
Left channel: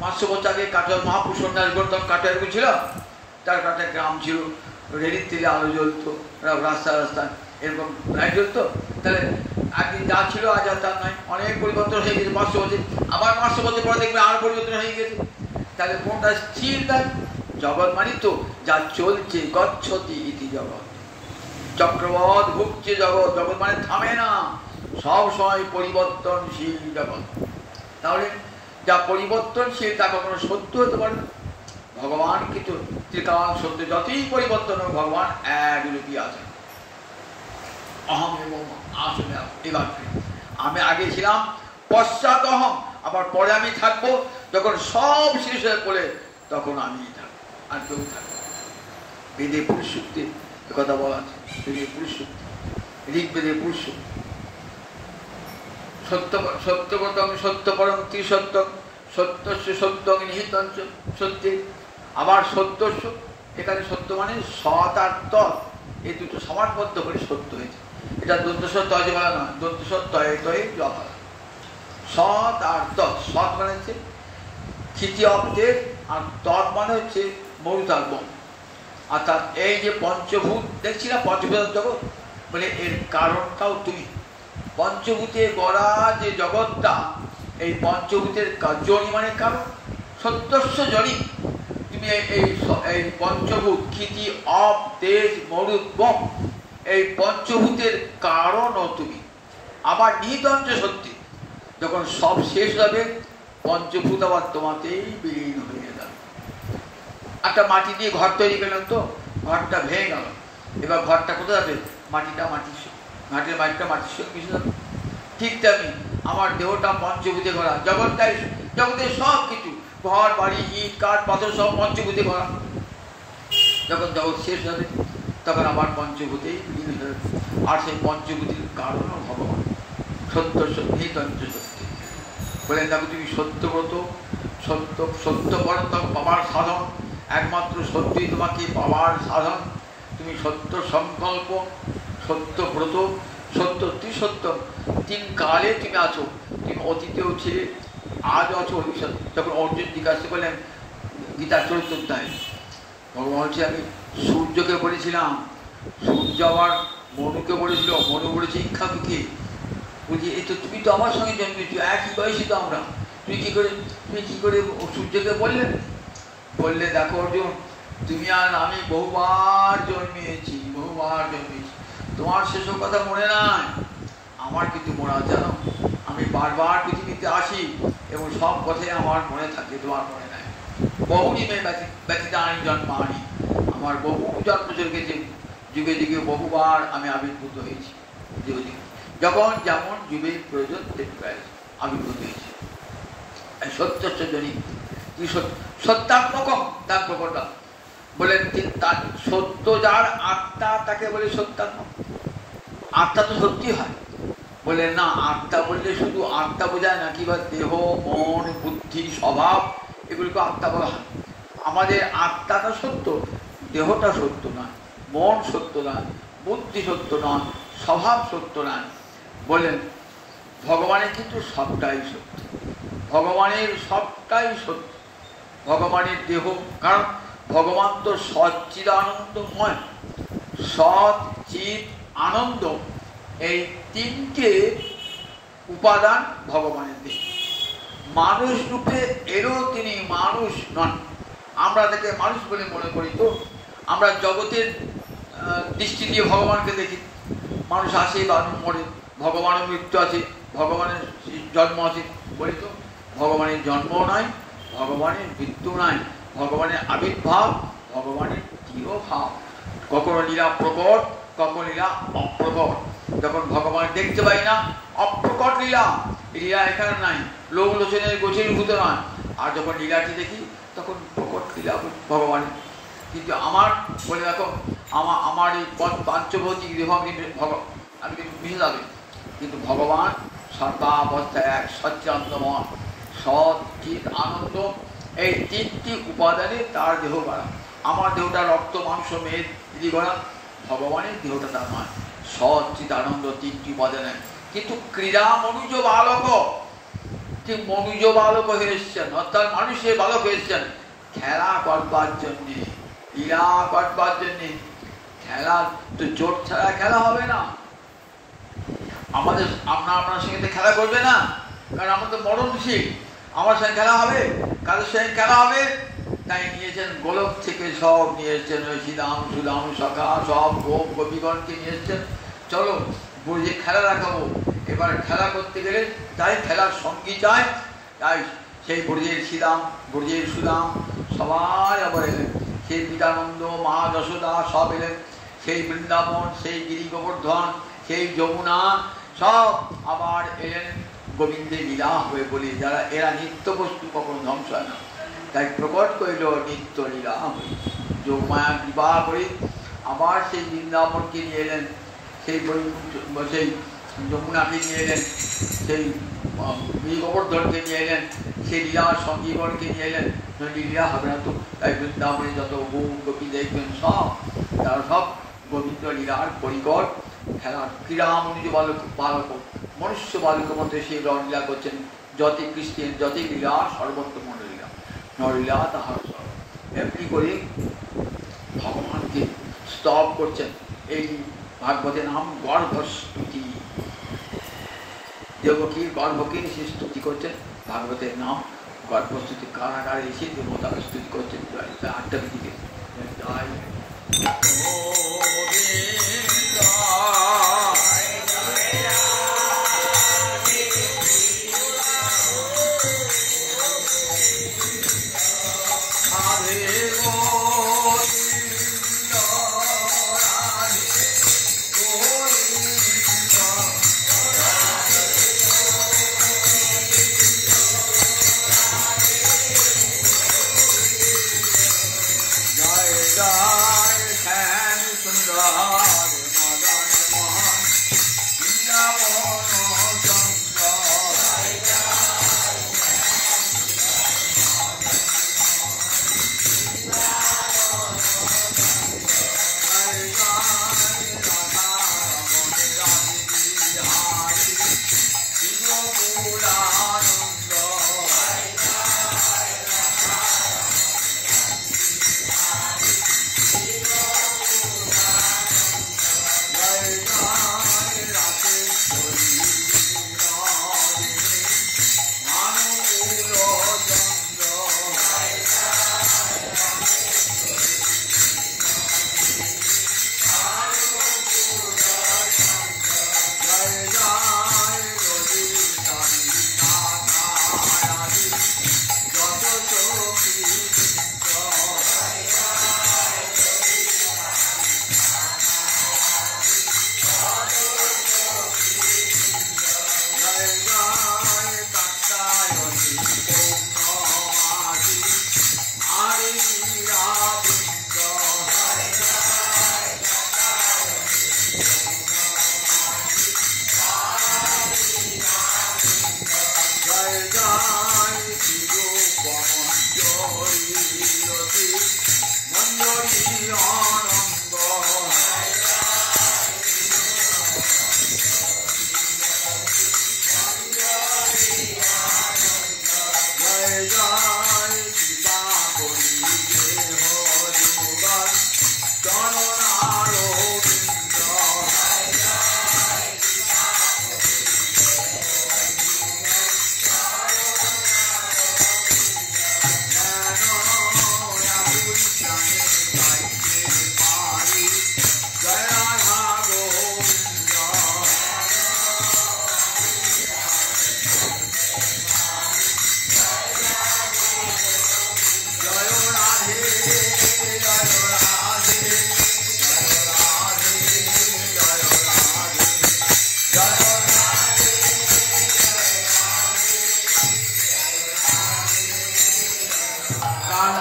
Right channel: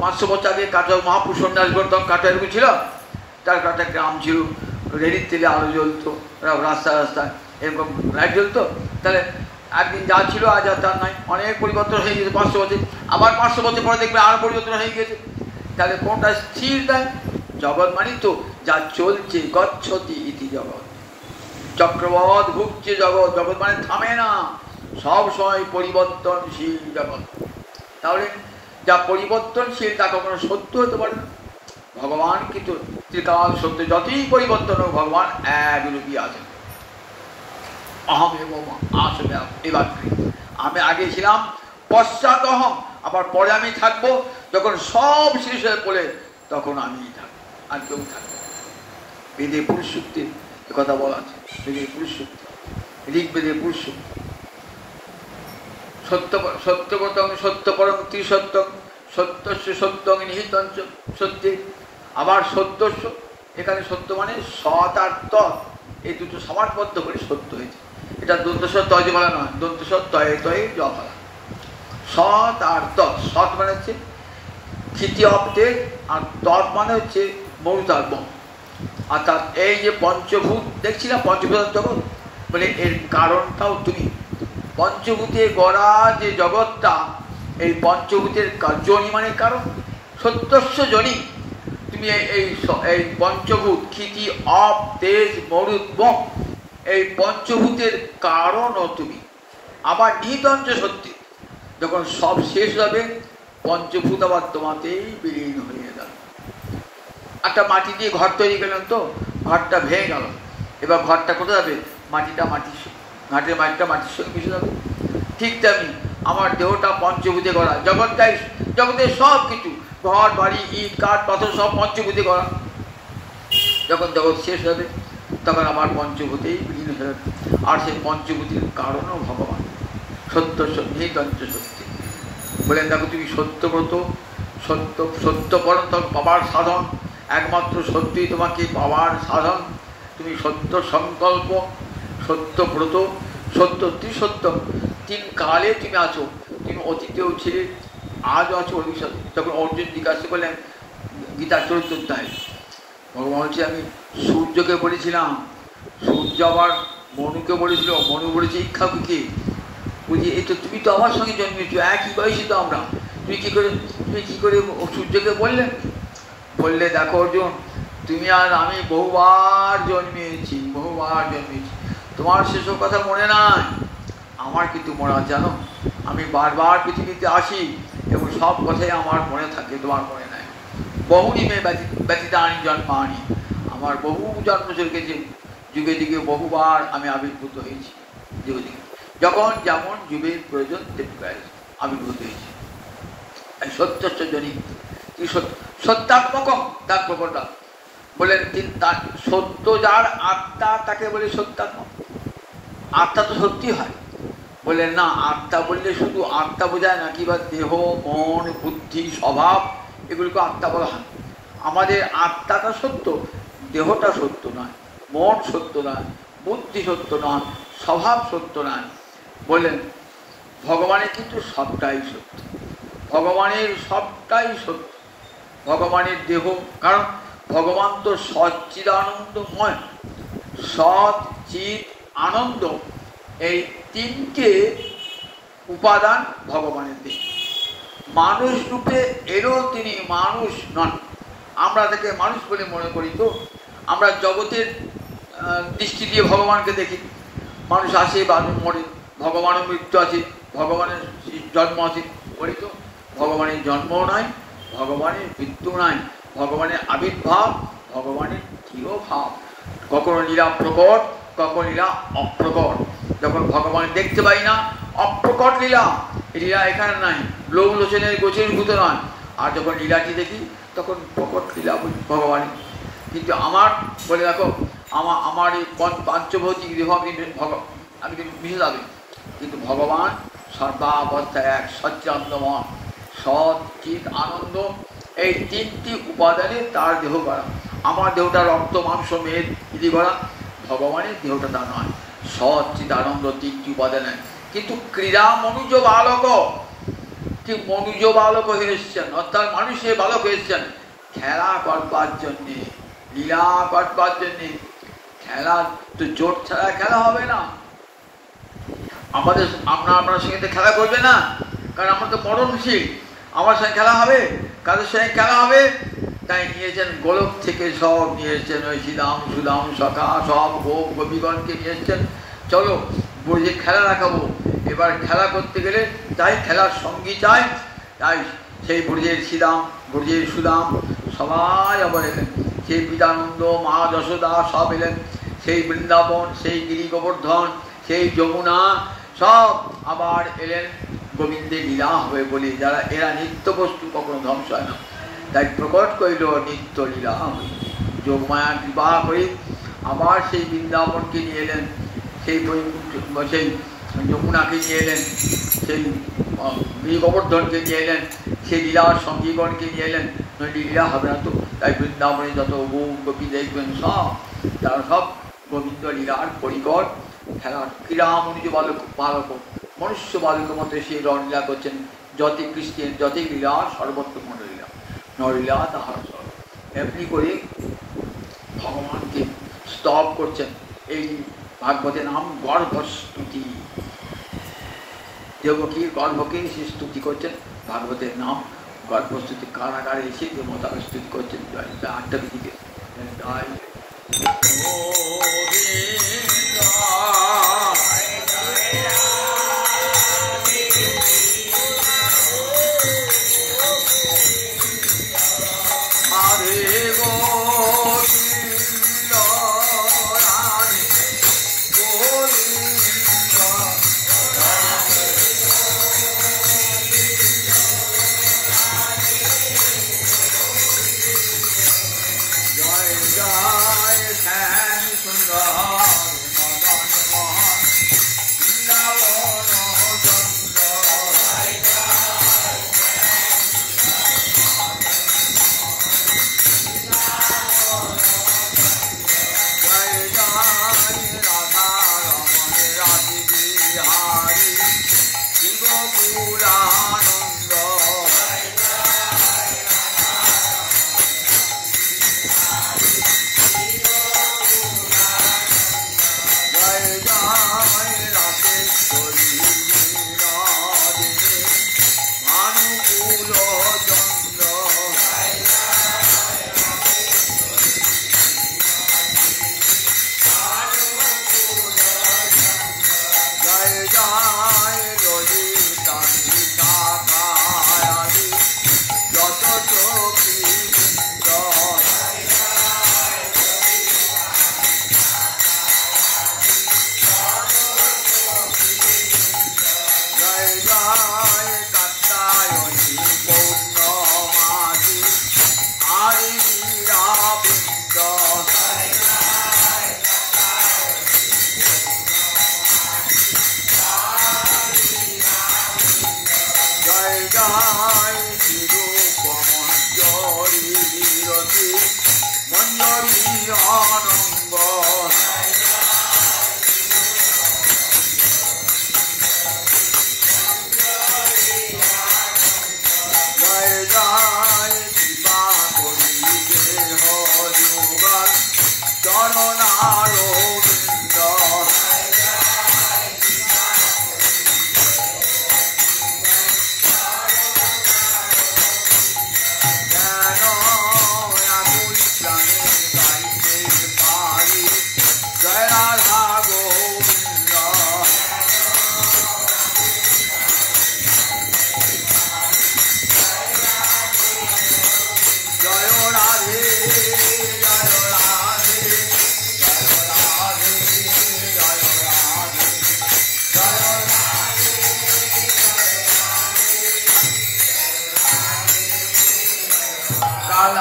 500 বছর আগে কাটোয়া মহাপুরুষ সন্ন্যাস গৌতম কাটোয়া এরকম ছিল, তার একটা গ্রাম ছিল, রেডির তেলে আলো জ্বলতো, রাস্তা রাস্তা এরকম লাইট জ্বলতো। তাহলে একদিন যা ছিল আজ আর তার নয়, অনেক পরিবর্তন হয়ে গেছে। 500 বছর, আবার 500 বছর পরে দেখবে আর পরিবর্তন হয়ে গেছে। তাহলে কোনটা স্থির দেয়? জগৎ মানে তো যা চলছে, গচ্ছতি ইতি জগৎ, চক্রবৎ ভুগছে জগৎ। জগৎ মানে থামে না, সব সময় পরিবর্তনশীল জগৎ। তাহলে যা পরিবর্তনশীল তা কখনো সত্য হতে পারে? ভগবান কিন্তু ত্রিকাল সত্য, যতই পরিবর্তন হোক ভগবান একরূপই আছে। অহম এবং আসলে এবার আমি আগে ছিলাম, পশ্চাৎ অহম, আবার পরে আমি থাকবো। যখন সব শেষ হয়ে পড়ে তখন আমি থাকবো, আর কেউ থাকবো। বেদে পুরুষ সূক্তে কথা বলা আছে, বেদে পুরুষ সূক্ত, ঋগ্বেদে পুরুষ সূক্ত। সত্যগতং সত্যপরম ত্রিসত্যং সত্যস্য সত্যং নিহিতং সত্যে। আবার সত্যস্য, এখানে সত্য মানে সৎ আর তৎ, এই দুটো সমাজবদ্ধ করে সত্য হয়েছে। এটা দন্তস্বর তয় বলা না, দন্তস্বর তয়ে তয়ে জফলা। সৎ আর তৎ, সৎ মানে হচ্ছে ক্ষিতি অব্দের, আর তৎ মানে হচ্ছে মরুতার্বম। অর্থাৎ এই যে পঞ্চভূত দেখছি না, পঞ্চভূত জগৎ, বলে এর কারণটাও তুমি। পঞ্চভূতে গড়া যে জগৎটা, এই পঞ্চভূতের জনি মানে কারণ, সত্যস্য জনি। তুমি এই পঞ্চভূত ক্ষিতি অপ তেজ মরুদ্বম, এই পঞ্চভূতের কারণও তুমি। আবার নিহিতঞ্চ সত্যি, যখন সব শেষ হবে পঞ্চভূত আবার তোমাতেই বিলীন হয়ে যাবে। একটা মাটি দিয়ে ঘর তৈরি করলাম, তো ঘরটা ভেঙে গেল, এবার ঘরটা কোথায় যাবে? মাটিটা মাটির, ঘাটের মাটিটা মাটির সঙ্গে মিশে যাবে। ঠিক তেমনি আমার দেহটা পঞ্চভূতে গড়া, জগৎটাই, জগতের সব কিছু, ঘর বাড়ি ইট কাঠ পাথর সব পঞ্চভূতে গড়া। যখন জগৎ শেষ হবে তখন আবার পঞ্চভূতেই বিলীন হয়ে যাবে। আর সেই পঞ্চভূতির কারণও ভগবান। সত্য সত্যি তন্ত্র সত্যি বলেন, দেখো তুমি সত্যগত, সত্য সত্য পরন্ত পাবার সাধন, একমাত্র সত্যই তোমাকে পাওয়ার সাধন। তুমি সত্য সংকল্প, সত্য ব্রত, সত্য ত্রিসত্য, তিন কালে তুমি আছো। তুমি অতীতেও ছিলে, আজও আছো, ভবিষ্যৎ। যখন অর্জুন জিজ্ঞাসা করলেন গীতার চরিত্র অধ্যায়, ভগবান হচ্ছে আমি সূর্যকে বলেছিলাম, সূর্য আবার মনুকে বলেছিল, মনু বলেছে ইক্ষাকুকে। বলছি এই তো তুমি তো আমার সঙ্গে জন্মেছো, একই বয়সী তো আমরা, তুমি কি করে সূর্যকে বললেন? বললে দেখো অর্জুন, তুমি আর আমি বহুবার জন্মিয়েছি, তোমার সেসব কথা মনে নাই, আমার কিন্তু মনে আছে। জানো, আমি বারবার পৃথিবীতে আসি এবং সব কথাই আমার মনে থাকে, তোমার মনে নাই। বহু দিনে ব্যতীত আনি জন্মানি, আমার বহু জন্ম চলছে, যুগে যুগে বহুবার আমি আবির্ভূত হয়েছি। যখন যেমন যুগের প্রয়োজন তেমনি আবির্ভূত হয়েছি। সত্যস্য জনি সত্যাত্মকম, তার প্রকটটা বলেন। তার সত্য যার আত্মা, তাকে বলে সত্যাত্মক। আত্মা তো সত্যি হয়, বললেন না, আত্মা বললে শুধু আত্মা বোঝায় না, কিংবা দেহ মন বুদ্ধি স্বভাব এগুলোকে আত্মা বলা হয়। আমাদের আত্মাটা সত্য, দেহটা সত্য নয়, মন সত্য নয়, বুদ্ধি সত্য নয়, স্বভাব সত্য নয়। বললেন ভগবানের কিন্তু সবটাই সত্য, ভগবানের সবটাই সত্য, ভগবানের দেহ। কারণ ভগবান তো সচ্চিদানন্দময়, সৎ চিৎ আনন্দ, এই তিনটে উপাদান ভগবানের দেহ। মানুষ রূপে এলেও তিনি মানুষ নন, আমরা তাকে মানুষ বলে মনে করি। তো আমরা জগতের দৃষ্টি দিয়ে ভগবানকে দেখি, মানুষ আসে বা মরে, ভগবানের মৃত্যু আছে, ভগবানের জন্ম আছে বলে। তো ভগবানের জন্মও নাই, ভগবানের মৃত্যু নাই, ভগবানের আবির্ভাব, ভগবানের তিরোভাব। কখনো লীলা প্রকট, কখনো লীলা অপ্রকট। যখন ভগবান দেখতে পাই না, অপ্রকট লীলা, লীলা এখানে নাই, লোক লোচনের গোচরীভূত নয়। আর যখন লীলাটি দেখি তখন প্রকট লীলা ভগবানের। কিন্তু আমার বলে দেখো, আমার এই পাঞ্চভৌতিক দেহ আমি মিশে যাবে, কিন্তু ভগবান সর্বাবস্থা এক, সচ্চিদানন্দময়, সৎ চিৎ আনন্দ। এই তিনটি উপাদানে তার দেহ গড়া। আমার দেহটা রক্ত মাংস মেদ ইতি গড়া, ভগবানের দেহটা তা নয়, সৎ চিৎ আনন্দ তিনটি উপাদানে। কিন্তু ক্রীড়া মনুজ বালক, ঠিক মনুজ বালক হয়ে এসছেন, অর্থাৎ মানুষের বালক হয়ে এসছেন খেলা করবার জন্যে, লীলা করবার জন্যে। খেলা তো জোট ছাড়া খেলা হবে না। আপনার সঙ্গে খেলা করবে না, কারণ আমরা তো মরণশীল। আমার সঙ্গে খেলা হবে, কাদের সঙ্গে খেলা হবে? তাই নিয়েছেন গোলক থেকে, সব নিয়েছেন ওই শ্রীদাম সুদাম সখা সব গোপীগণকে নিয়ে এসছেন। চলো বুঝে খেলা রাখাবো। এবার খেলা করতে গেলে তাই খেলার সঙ্গী চাই। তাই সেই ব্রজের শ্রীদাম, ব্রজের সুদাম সবাই আবার এলেন। সেই বিদানন্দ, মা যশোদা সব এলেন। সেই বৃন্দাবন, সেই গিরি গোবর্ধন, সেই যমুনা সব আবার এলেন গোবিন্দের লীলা হবে বলি। যারা এরা নিত্য বস্তু কখনো ধ্বংস হয় না, তাই প্রকট করিল নিত্য লীলা হবে। যোগমায়া বিবাহ করে আবার সেই বৃন্দাবনকে নিয়ে এলেন, সেই যমুনাকে নিয়ে এলেন, সেই গিরি গোবর্ধনকে নিয়ে এলেন, সেই লীলার সঙ্গীগণকে নিয়ে এলেন। নইলে লীলা হবে না তো। তাই বৃন্দাবনে যত গোপী দেখবেন সব তারা সব গোবিন্দ লীলার পরিকর। খেলার ক্রীড়া মনুজ বালক মনুষ্য বালকের মধ্যে সেই রঙলীলা করছেন। যত খ্রিস্টান যত লীলা সর্বোত্তম লীলা, নরলীলা তাহার সর্ব। এমনি করে ভগবানকে স্তব করছেন। এই ভাগবতের নাম গর্ভস্তুতি। দেবকীর গর্ভকে সে স্তুতি করছেন। ভাগবতের নাম গর্ভস্তুতি। কারাগারে এসে দেবতাকে স্তুতি করছেন। আটটা দিকে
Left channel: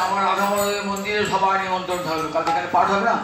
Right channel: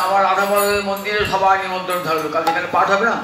আমার রাধা মন্দিরে সবাই নিমন্ত্রণ থাকবে। কাল এখানে পাঠ হবে না।